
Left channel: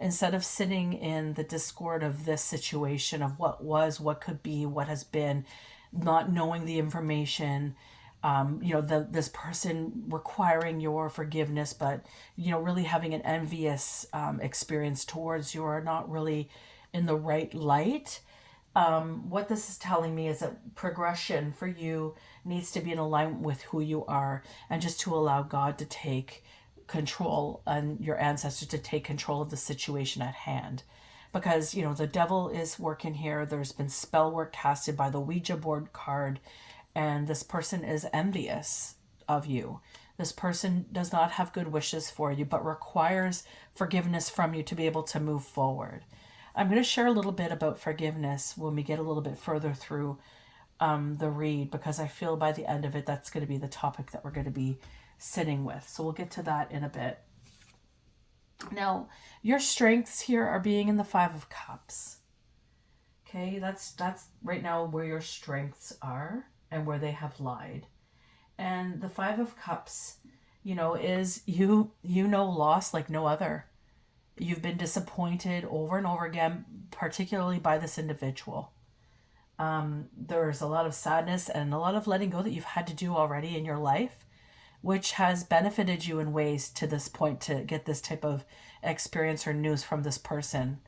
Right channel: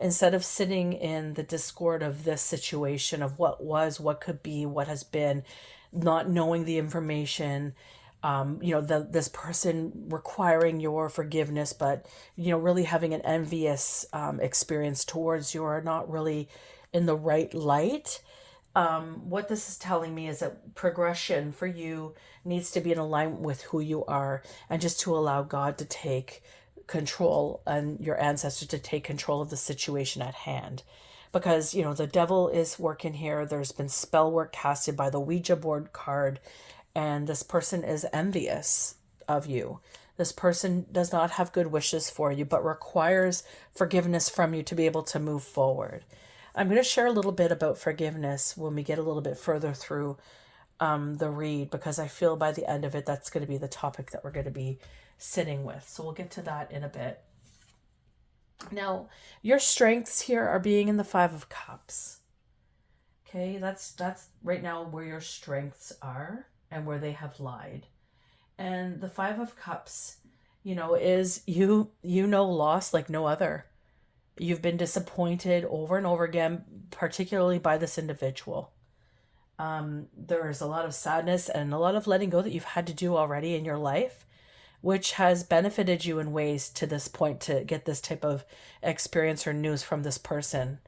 Instead of sitting in the discord of this situation of what was, what could be, what has been, not knowing the information, this person requiring your forgiveness, but, really having an envious experience towards you, or not really in the right light. What this is telling me is that progression for you needs to be in alignment with who you are, and just to allow God to take control and your ancestors to take control of the situation at hand. Because, the devil is working here. There's been spell work casted by the Ouija board card, and this person is envious of you. This person does not have good wishes for you, but requires forgiveness from you to be able to move forward. I'm going to share a little bit about forgiveness when we get a little bit further through the read, because I feel by the end of it, that's going to be the topic that we're going to be sitting with. So we'll get to that in a bit. Now, your strengths here are being in the Five of Cups. Okay, that's right now where your strengths are and where they have lied. And the Five of Cups, is loss like no other. You've been disappointed over and over again, particularly by this individual. There's a lot of sadness and a lot of letting go that you've had to do already in your life, which has benefited you in ways to this point to get this type of experience or news from this person.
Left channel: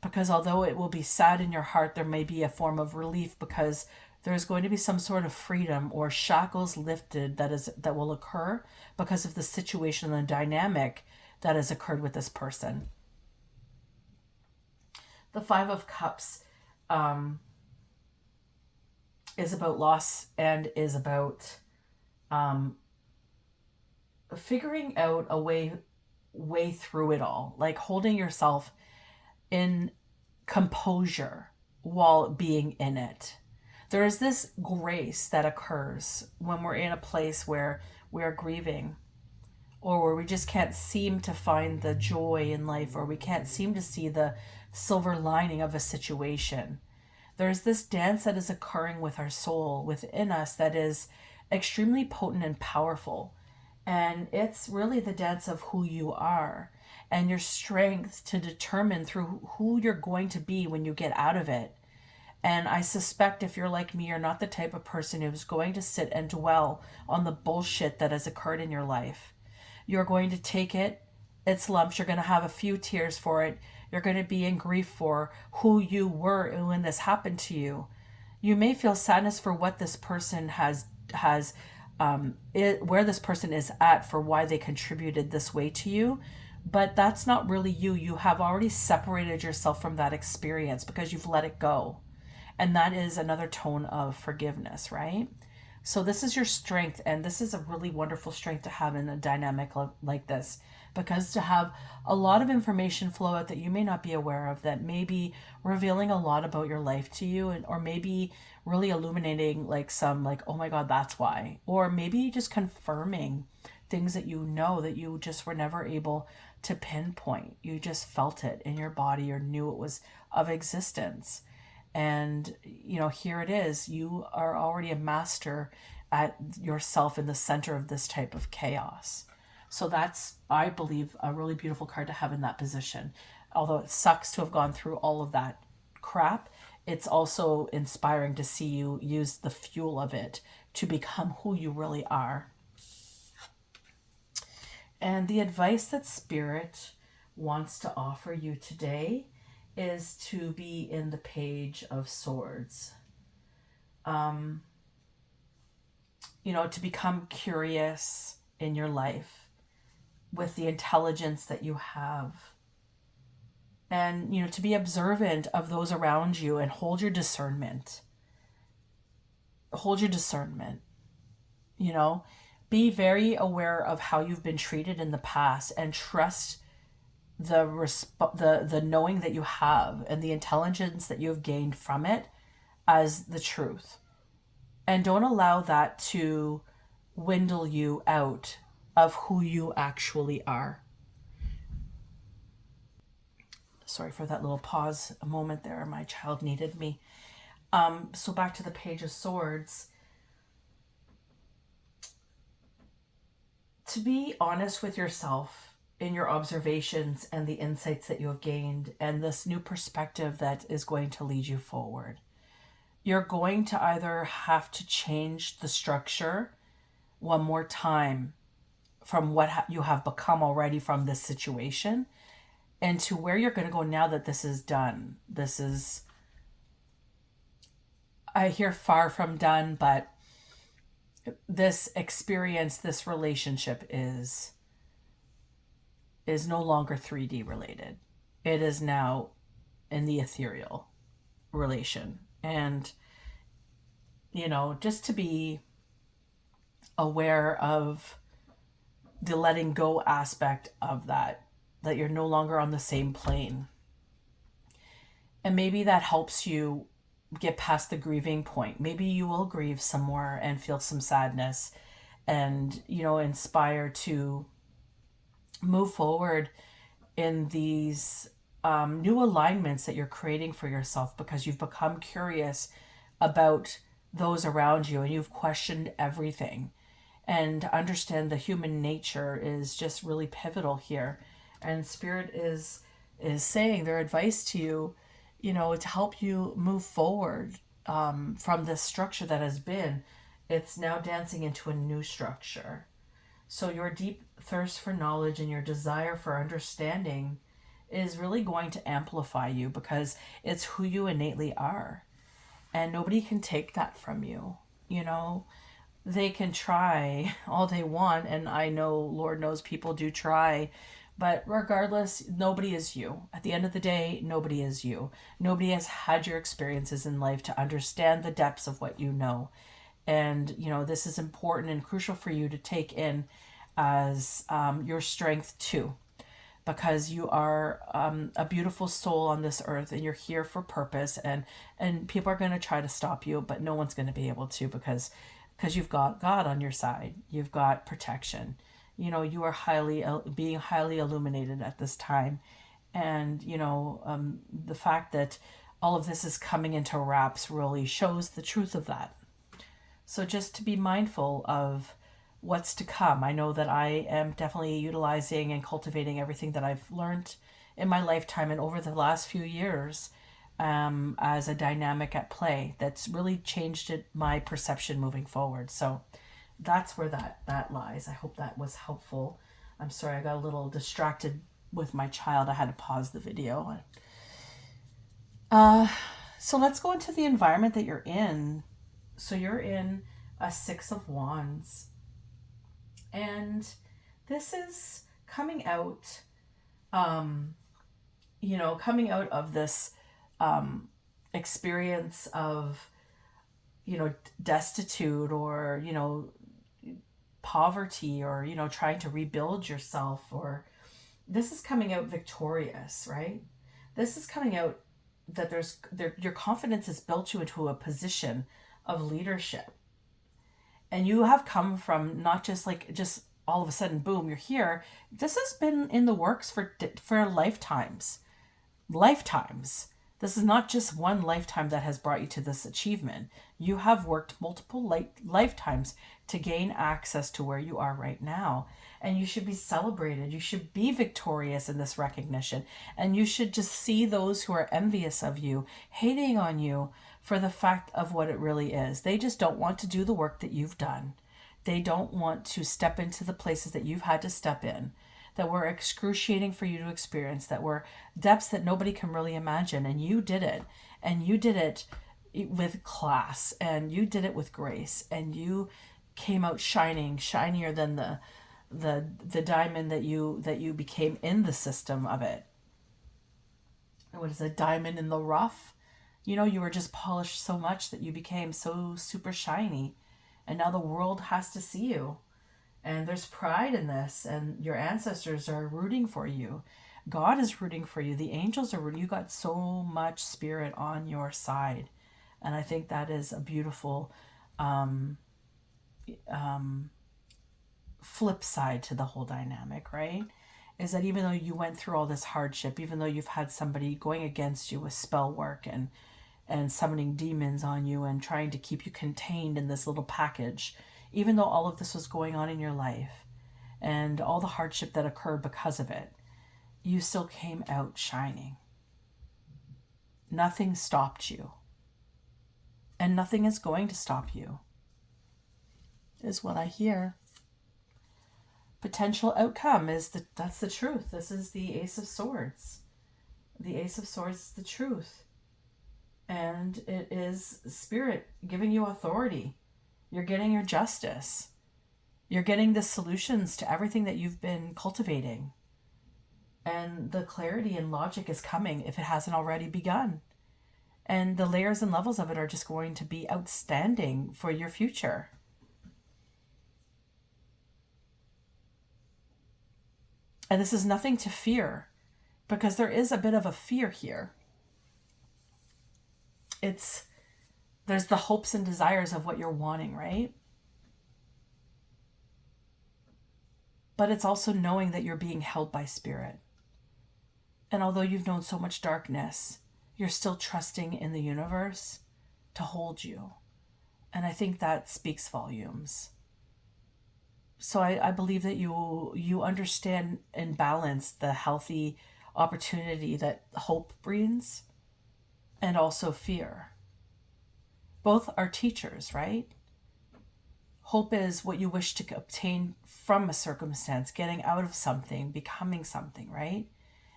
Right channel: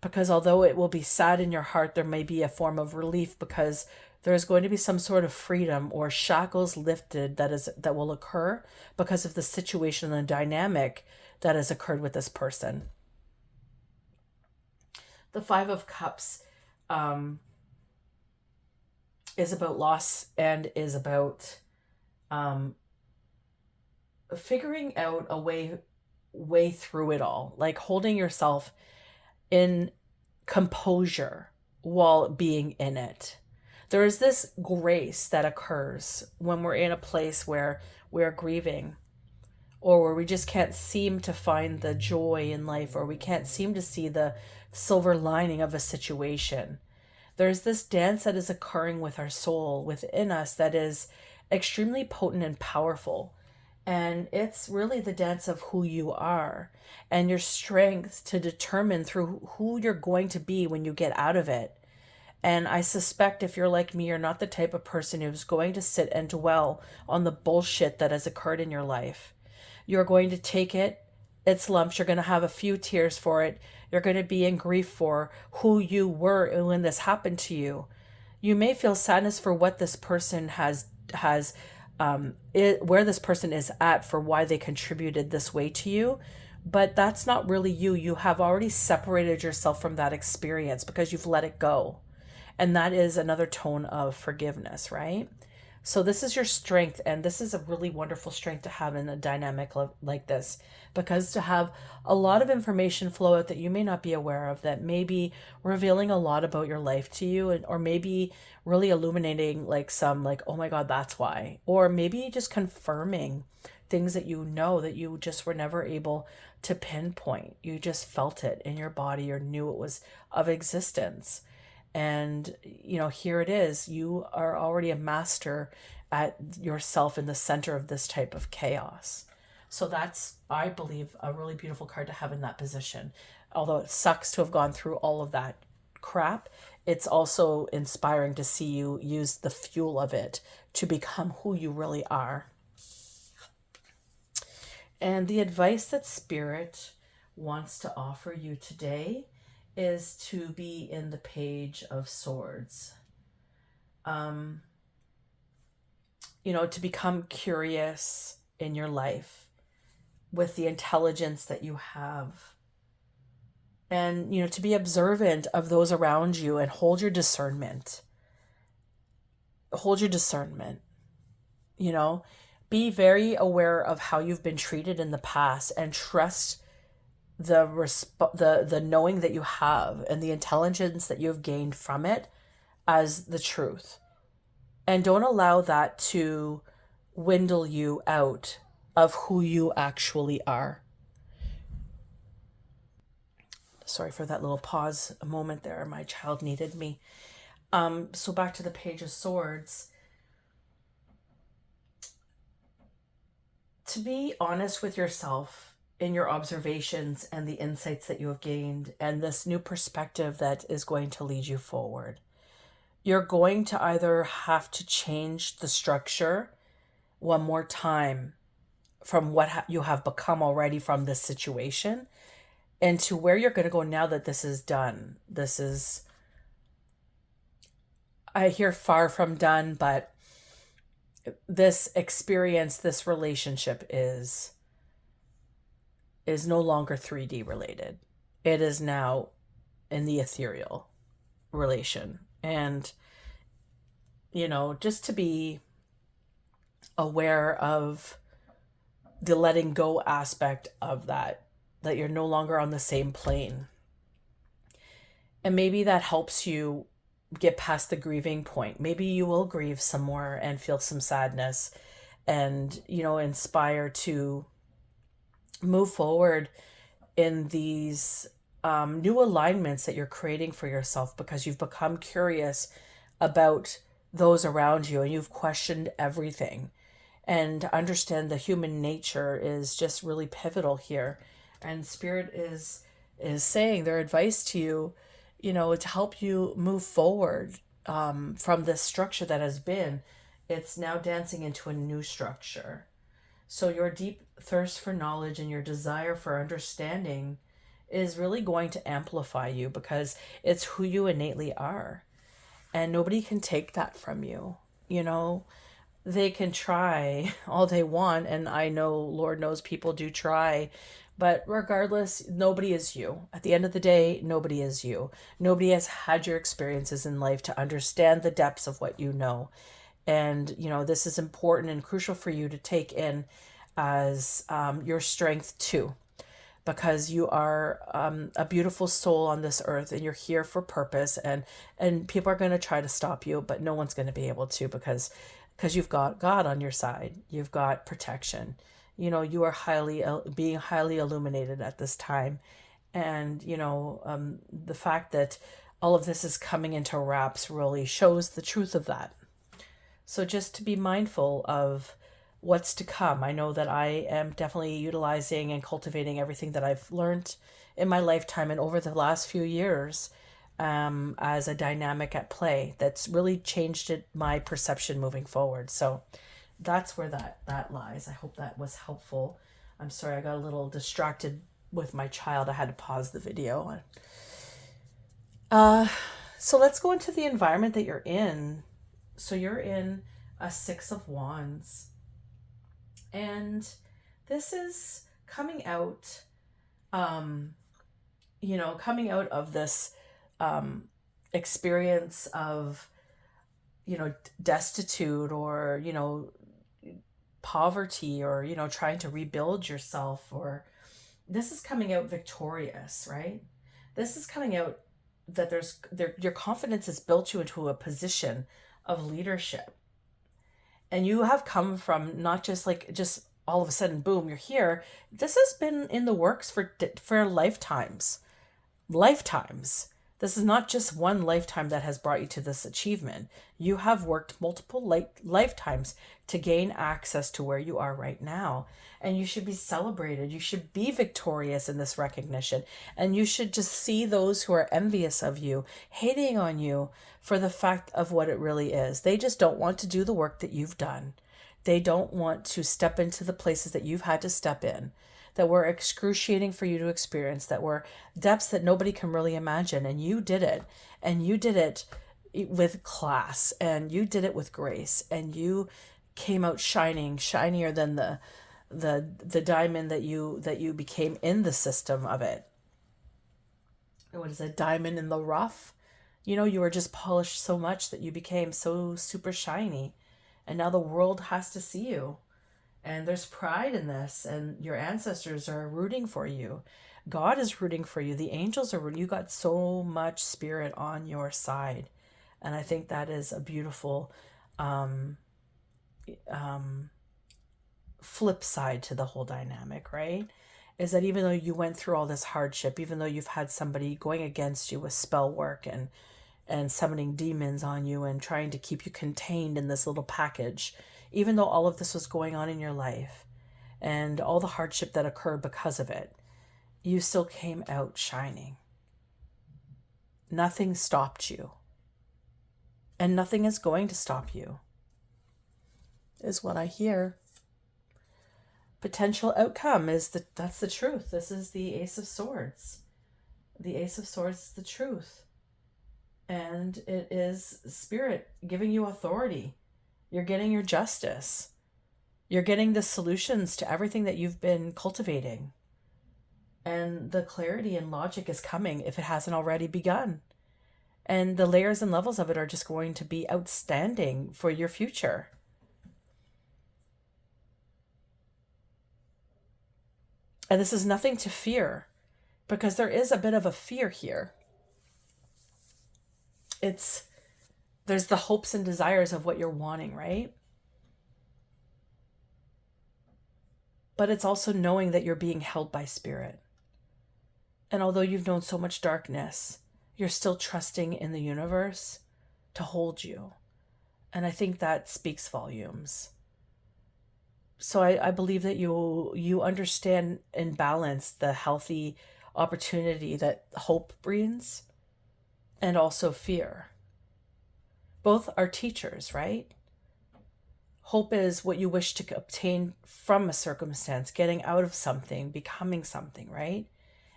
Because although it will be sad in your heart, there may be a form of relief, because there's going to be some sort of freedom or shackles lifted that will occur because of the situation and the dynamic that has occurred with this person. The Five of Cups is about loss and is about figuring out a way through it all, like holding yourself in composure while being in it. There is this grace that occurs when we're in a place where we're grieving, or where we just can't seem to find the joy in life, or we can't seem to see the silver lining of a situation. There's this dance that is occurring with our soul within us that is extremely potent and powerful. And it's really the dance of who you are and your strength to determine through who you're going to be when you get out of it. And I suspect if you're like me, you're not the type of person who's going to sit and dwell on the bullshit that has occurred in your life. You're going to take its lumps. You're going to have a few tears for it. You're going to be in grief for who you were when this happened to you. You may feel sadness for what this person where this person is at, for why they contributed this way to you. But that's not really you. You have already separated yourself from that experience because you've let it go. And that is another tone of forgiveness, right? So this is your strength, and this is a really wonderful strength to have in a dynamic like this, because to have a lot of information flow out that you may not be aware of, that may be revealing a lot about your life to you, or maybe really illuminating oh my God, that's why. Or maybe just confirming things that that you just were never able to pinpoint. You just felt it in your body or knew it was of existence. And, here it is. You are already a master at yourself in the center of this type of chaos. So that's, I believe, a really beautiful card to have in that position. Although it sucks to have gone through all of that crap, it's also inspiring to see you use the fuel of it to become who you really are. And the advice that Spirit wants to offer you today is to be in the Page of Swords. To become curious in your life with the intelligence that you have. And, to be observant of those around you and hold your discernment. Hold your discernment. Be very aware of how you've been treated in the past, and trust the knowing that you have and the intelligence that you've gained from it as the truth. And don't allow that to dwindle you out of who you actually are. Sorry for that little pause, a moment there. My child needed me. So back to the Page of Swords. To be honest with yourself in your observations and the insights that you have gained, and this new perspective that is going to lead you forward. You're going to either have to change the structure one more time from what you have become already from this situation, and to where you're going to go now that this is done. This is, I hear far from done, but this experience, this relationship is no longer 3D related. It is now in the ethereal relation. And, just to be aware of the letting go aspect of that you're no longer on the same plane. And maybe that helps you get past the grieving point. Maybe you will grieve some more and feel some sadness and, inspire to move forward in these new alignments that you're creating for yourself, because you've become curious about those around you and you've questioned everything. And to understand the human nature is just really pivotal here. And Spirit is saying their advice to you, to help you move forward from this structure that has been. It's now dancing into a new structure. So your deep thirst for knowledge and your desire for understanding is really going to amplify you, because it's who you innately are. And nobody can take that from you. They can try all they want, and I know, Lord knows, people do try, but regardless, nobody is you. At the end of the day, nobody is you. Nobody has had your experiences in life to understand the depths of what you know. And, this is important and crucial for you to take in as your strength too, because you are a beautiful soul on this earth, and you're here for purpose, and people are going to try to stop you, but no one's going to be able to, because you've got God on your side. You've got protection. You are being highly illuminated at this time. And, the fact that all of this is coming into wraps really shows the truth of that. So just to be mindful of what's to come. I know that I am definitely utilizing and cultivating everything that I've learned in my lifetime and over the last few years as a dynamic at play that's really changed my perception moving forward. So that's where that lies. I hope that was helpful. I'm sorry, I got a little distracted with my child. I had to pause the video. So let's go into the environment that you're in. So you're in a 6 of Wands. And this is coming out, coming out of this experience of, destitute or, poverty, or, trying to rebuild yourself, or this is coming out victorious, right? This is coming out that your confidence has built you into a position of leadership. And you have come from not just all of a sudden, boom, you're here. This has been in the works for lifetimes. This is not just one lifetime that has brought you to this achievement. You have worked multiple lifetimes to gain access to where you are right now. And you should be celebrated. You should be victorious in this recognition. And you should just see those who are envious of you, hating on you, for the fact of what it really is. They just don't want to do the work that you've done. They don't want to step into the places that you've had to step in, that were excruciating for you to experience, that were depths that nobody can really imagine. And you did it. And you did it with class. And you did it with grace. And you came out shining, shinier than the diamond that you became in the system of it. What is a diamond in the rough? You were just polished so much that you became so super shiny. And now the world has to see you. And there's pride in this. And your ancestors are rooting for you. God is rooting for you. The angels are rooting. You got so much spirit on your side. And I think that is a beautiful flip side to the whole dynamic, right? Is that even though you went through all this hardship, even though you've had somebody going against you with spell work and summoning demons on you and trying to keep you contained in this little package, even though all of this was going on in your life and all the hardship that occurred because of it, you still came out shining. Nothing stopped you. And nothing is going to stop you, is what I hear. Potential outcome is that's the truth. This is the Ace of Swords. The Ace of Swords is the truth. And it is spirit giving you authority. You're getting your justice. You're getting the solutions to everything that you've been cultivating. And the clarity and logic is coming if it hasn't already begun. And the layers and levels of it are just going to be outstanding for your future. And this is nothing to fear, because there is a bit of a fear here. There's the hopes and desires of what you're wanting, right? But it's also knowing that you're being held by spirit. And although you've known so much darkness, you're still trusting in the universe to hold you. And I think that speaks volumes. So I believe that you understand and balance the healthy opportunity that hope brings and also fear. Both are teachers, right? Hope is what you wish to obtain from a circumstance, getting out of something, becoming something, right?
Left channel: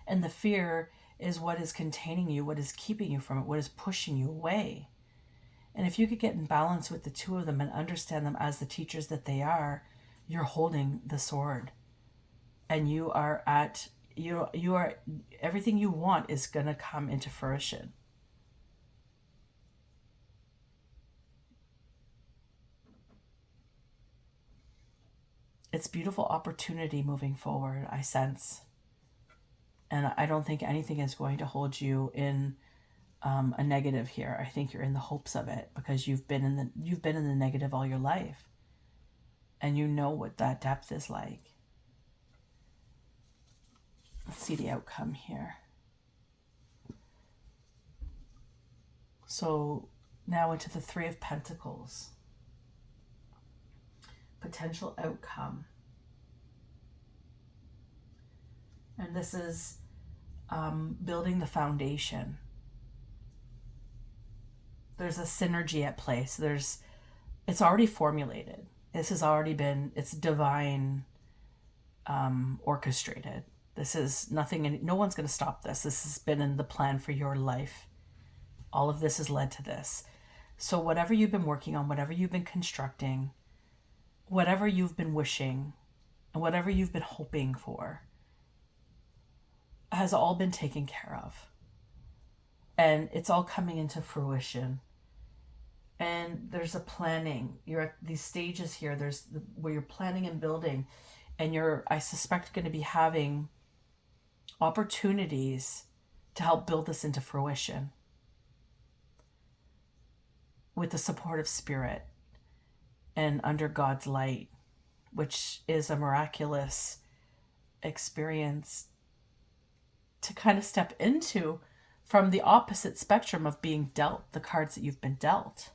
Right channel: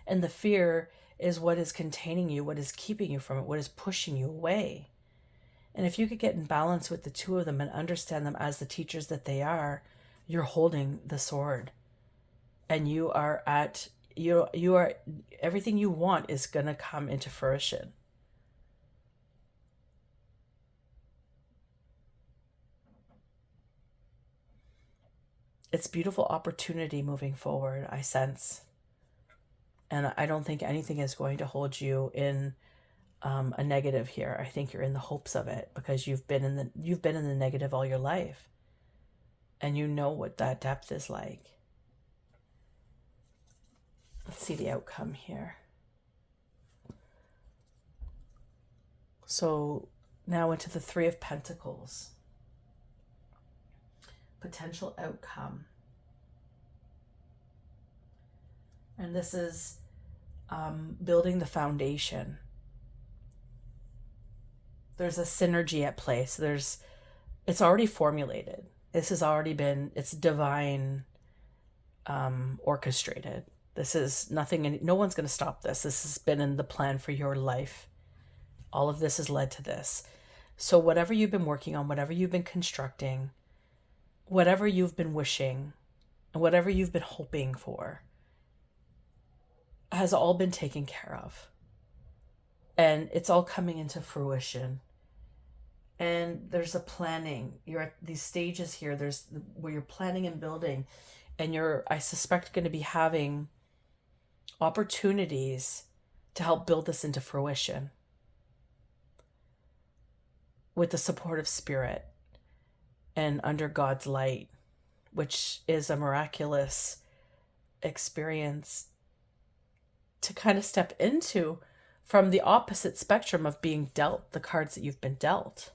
And the fear is what is containing you, what is keeping you from it, what is pushing you away. And if you could get in balance with the two of them and understand them as the teachers that they are, you're holding the sword. And you are everything you want is going to come into fruition. It's beautiful opportunity moving forward, I sense. And I don't think anything is going to hold you in a negative here. I think you're in the hopes of it because you've been in the negative all your life. And you know what that depth is like. Let's see the outcome here. So now into the Three of Pentacles. Potential outcome. And this is building the foundation. There's a synergy at play. So it's already formulated. This has already been, it's divine orchestrated. This is nothing, no one's going to stop this. This has been in the plan for your life. All of this has led to this. So whatever you've been working on, whatever you've been constructing, whatever you've been wishing, whatever you've been hoping for, has all been taken care of. And it's all coming into fruition. And there's a planning. You're at these stages here. Where you're planning and building, and you're, I suspect, going to be having opportunities to help build this into fruition with the support of spirit and under God's light, which is a miraculous experience to kind of step into from the opposite spectrum of being dealt the cards that you've been dealt.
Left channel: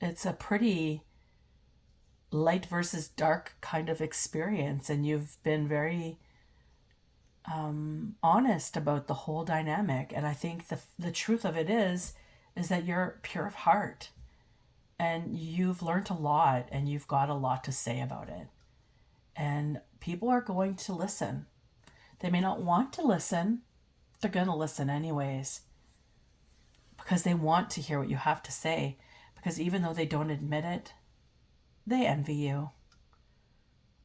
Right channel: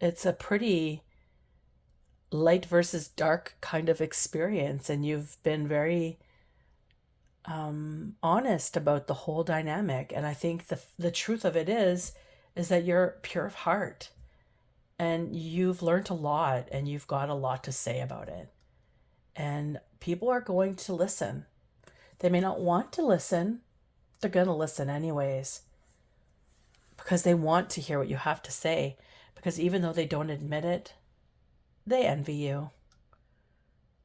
It's a pretty light versus dark kind of experience, and you've been very honest about the whole dynamic. And I think the truth of it is that you're pure of heart, and you've learned a lot, and you've got a lot to say about it. And people are going to listen. They may not want to listen. They're going to listen anyways, because they want to hear what you have to say. Because even though they don't admit it, they envy you.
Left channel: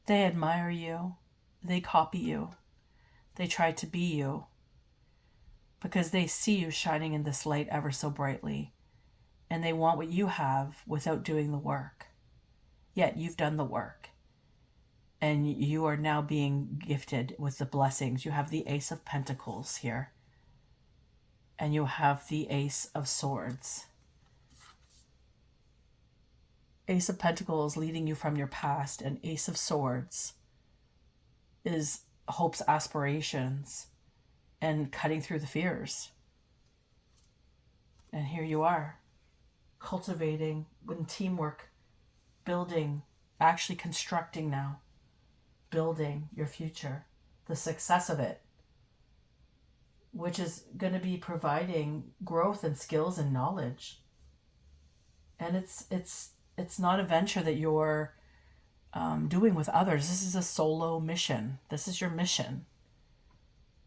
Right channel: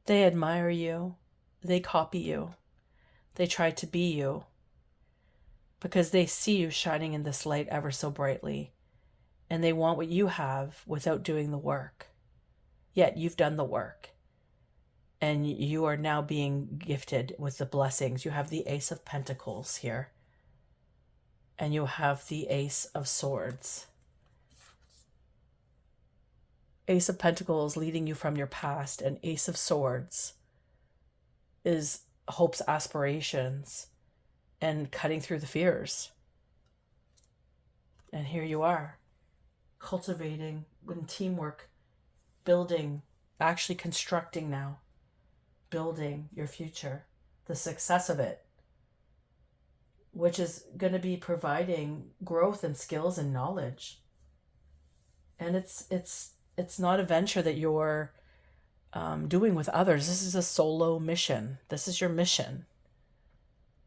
They admire you. They copy you. They try to be you. Because they see you shining in this light ever so brightly. And they want what you have without doing the work. Yet you've done the work. And you are now being gifted with the blessings. You have the Ace of Pentacles here. And you have the Ace of Swords. Ace of Pentacles leading you from your past, and Ace of Swords is hope's aspirations and cutting through the fears. And here you are, cultivating with teamwork, building, actually constructing now, building your future, the success of it, which is going to be providing growth and skills and knowledge. And it's not a venture that you're doing with others. This is a solo mission. This is your mission,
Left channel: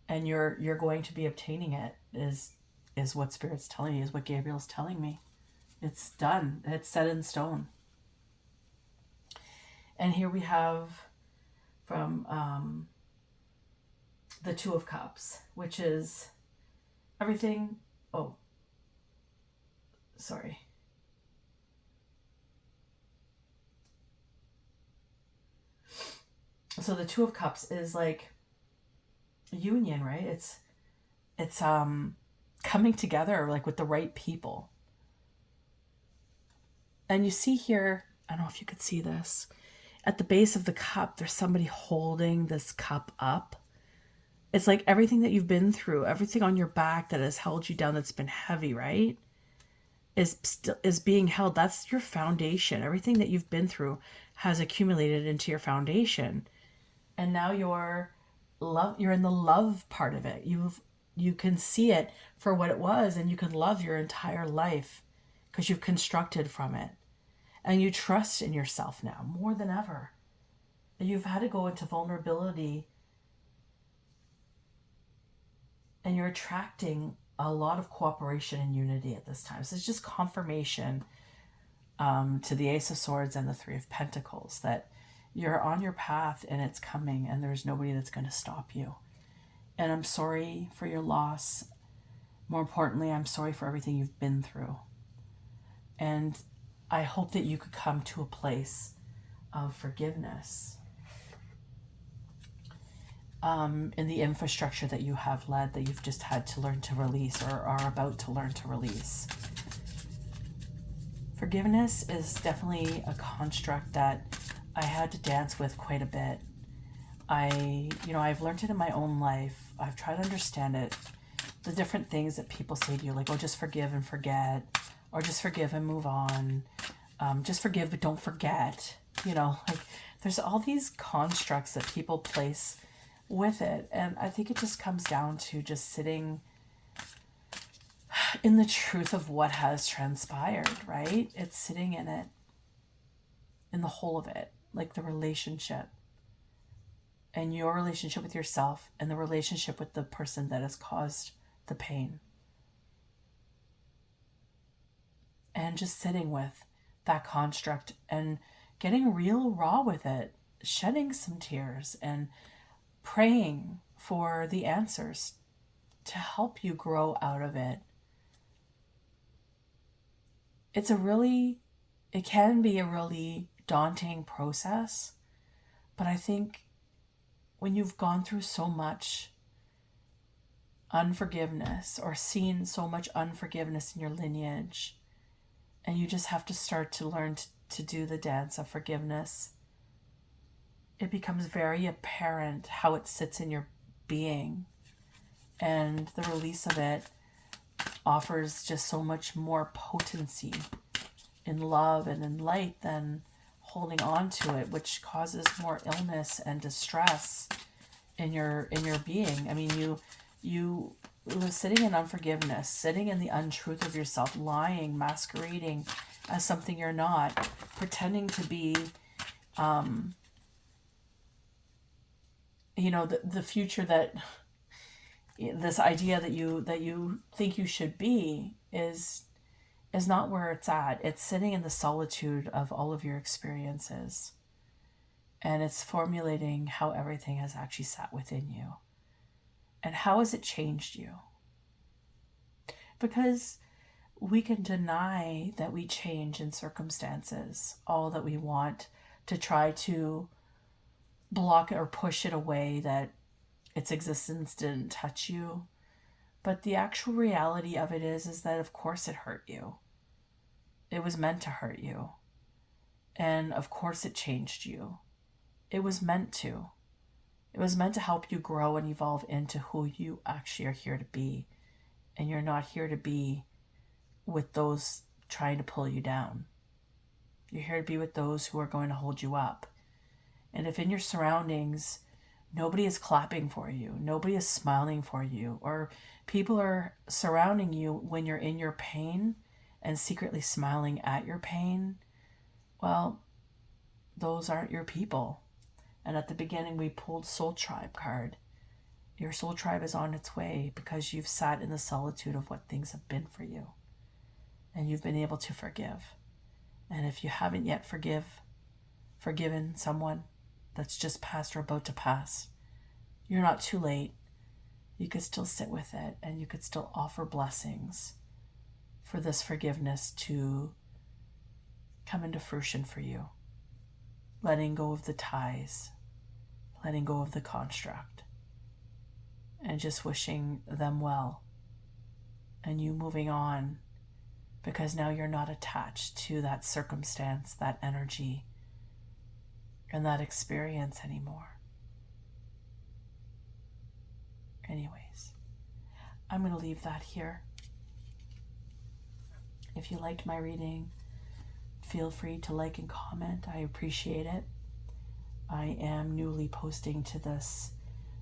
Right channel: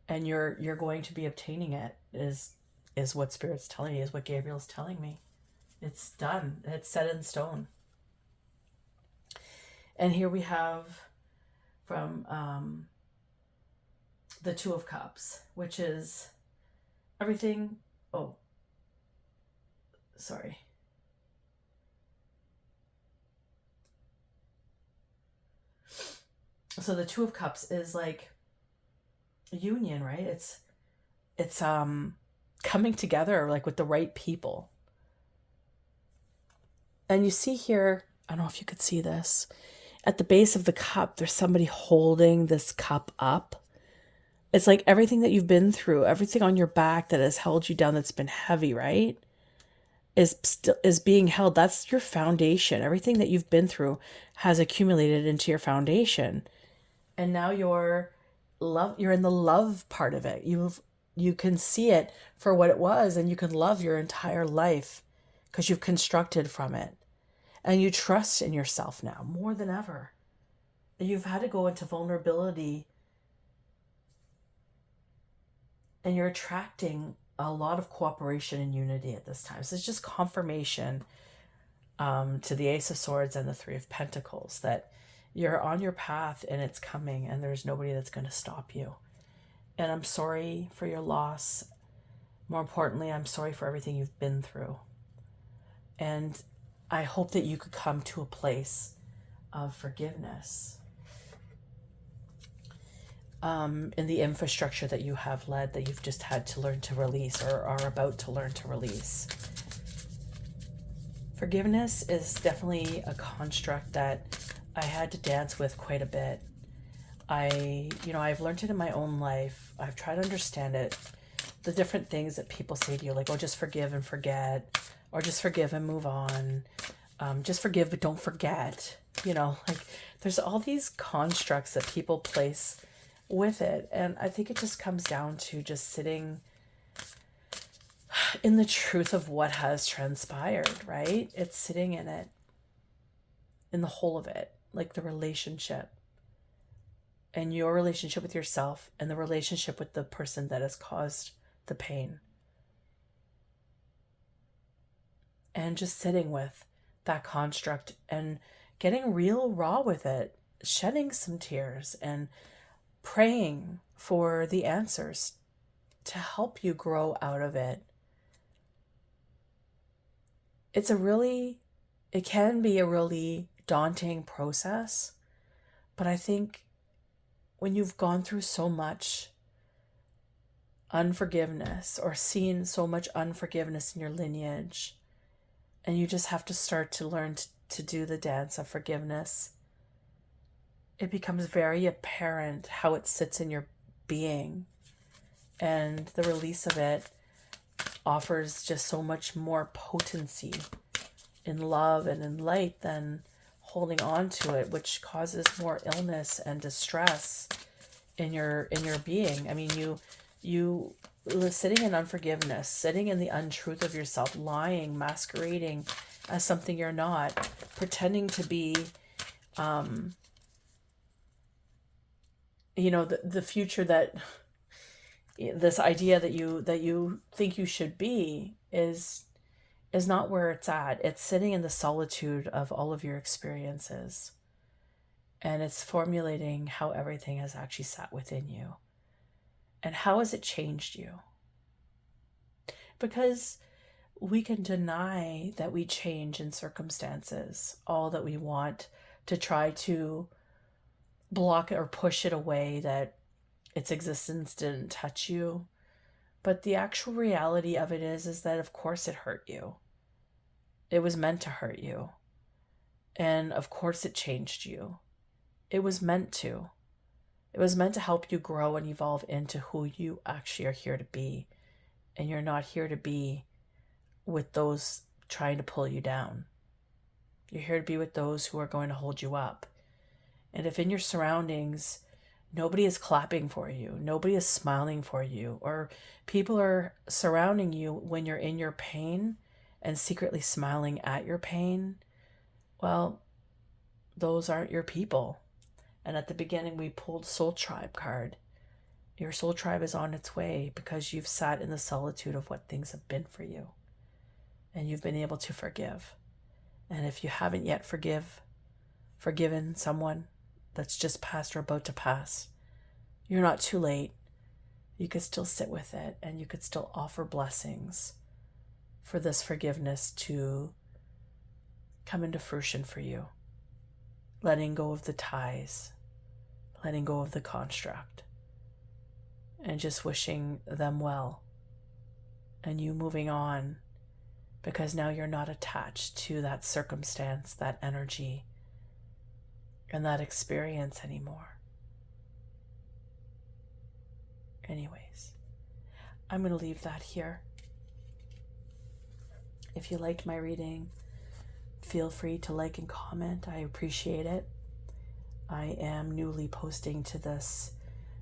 and you're going to be obtaining it. Is what Spirit's telling me. Is what Gabriel's telling me. It's done. It's set in stone. And here we have from the Two of Cups, which is everything. Oh, sorry. So the Two of Cups is like union, right? It's coming together like with the right people. And you see here, I don't know if you could see this, at the base of the cup, there's somebody holding this cup up. It's like everything that you've been through, everything on your back that has held you down, that's been heavy, right? Is being held. That's your foundation. Everything that you've been through has accumulated into your foundation. And now you're in the love part of it. You can see it for what it was, and you can love your entire life because you've constructed from it. And you trust in yourself now more than ever. You've had to go into vulnerability, and you're attracting a lot of cooperation and unity at this time. So it's just confirmation to the Ace of Swords and the Three of Pentacles that you're on your path and it's coming, and there's nobody that's going to stop you. And I'm sorry for your loss. More importantly, I'm sorry for everything you've been through. And I hope that you could come to a place of forgiveness in the infrastructure that you have led, that you've just had to learn to release or are about to learn to release. Forgiveness is definitely a construct that I had to dance with quite a bit. I've learned it in my own life. I've tried to understand it. The different things that people say to you, like, oh, just forgive and forget, or just forgive and move on. Just forgive, but don't forget. Like there's all these constructs that people place with it. And I think it just comes down to just sitting in the truth of what has transpired, right? It's sitting in it, in the whole of it, like the relationship and your relationship with yourself and the relationship with the person that has caused the pain. And just sitting with that construct and getting real raw with it, shedding some tears and praying for the answers to help you grow out of it. It can be a really daunting process, but I think when you've gone through so much unforgiveness or seen so much unforgiveness in your lineage, and you just have to start to learn to do the dance of forgiveness, it becomes very apparent how it sits in your being. And the release of it offers just so much more potency in love and in light than holding on to it, which causes more illness and distress in your being. I mean, you sitting in unforgiveness, sitting in the untruth of yourself, lying, masquerading as something you're not, pretending to be the future that this idea that you think you should be is not where it's at. It's sitting in the solitude of all of your experiences, and it's formulating how everything has actually sat within you and how has it changed you. Because we can deny that we change in circumstances all that we want, to try to block it or push it away, that its existence didn't touch you. But the actual reality of it is that of course it hurt you. It was meant to hurt you. And of course it changed you. It was meant to. It was meant to help you grow and evolve into who you actually are here to be. And you're not here to be with those trying to pull you down. You're here to be with those who are going to hold you up. And if in your surroundings, nobody is clapping for you, nobody is smiling for you, or people are surrounding you when you're in your pain and secretly smiling at your pain, well, those aren't your people. And at the beginning, we pulled Soul Tribe card. Your soul tribe is on its way because you've sat in the solitude of what things have been for you. And you've been able to forgive. And if you haven't yet forgiven someone that's just passed or about to pass, you're not too late. You could still sit with it, and you could still offer blessings for this forgiveness to come into fruition for you. Letting go of the ties, letting go of the construct, and just wishing them well. And you moving on, because now you're not attached to that circumstance, that energy, and that experience anymore. Anyways, I'm going to leave that here. If you liked my reading, feel free to like and comment. I appreciate it. I am newly posting to this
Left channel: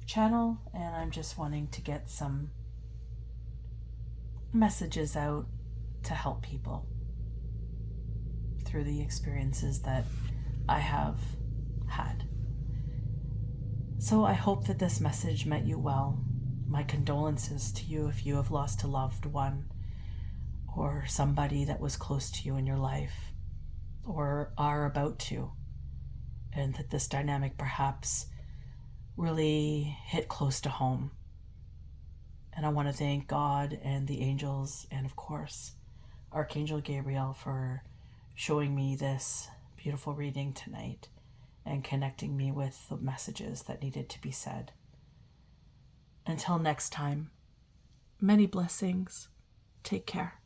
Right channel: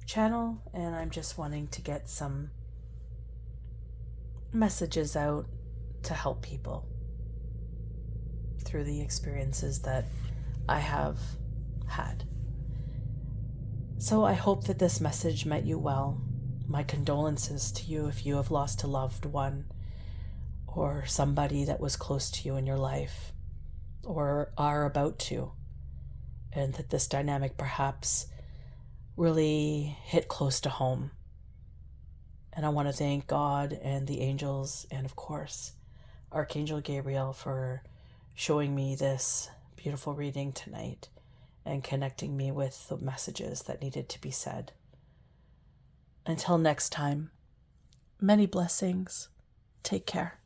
channel, and I'm just wanting to get some messages out to help people through the experiences that I have had. So I hope that this message met you well. My condolences to you if you have lost a loved one or somebody that was close to you in your life or are about to, and that this dynamic perhaps really hit close to home. And I want to thank God and the angels and, of course, Archangel Gabriel for showing me this beautiful reading tonight and connecting me with the messages that needed to be said. Until next time, many blessings. Take care.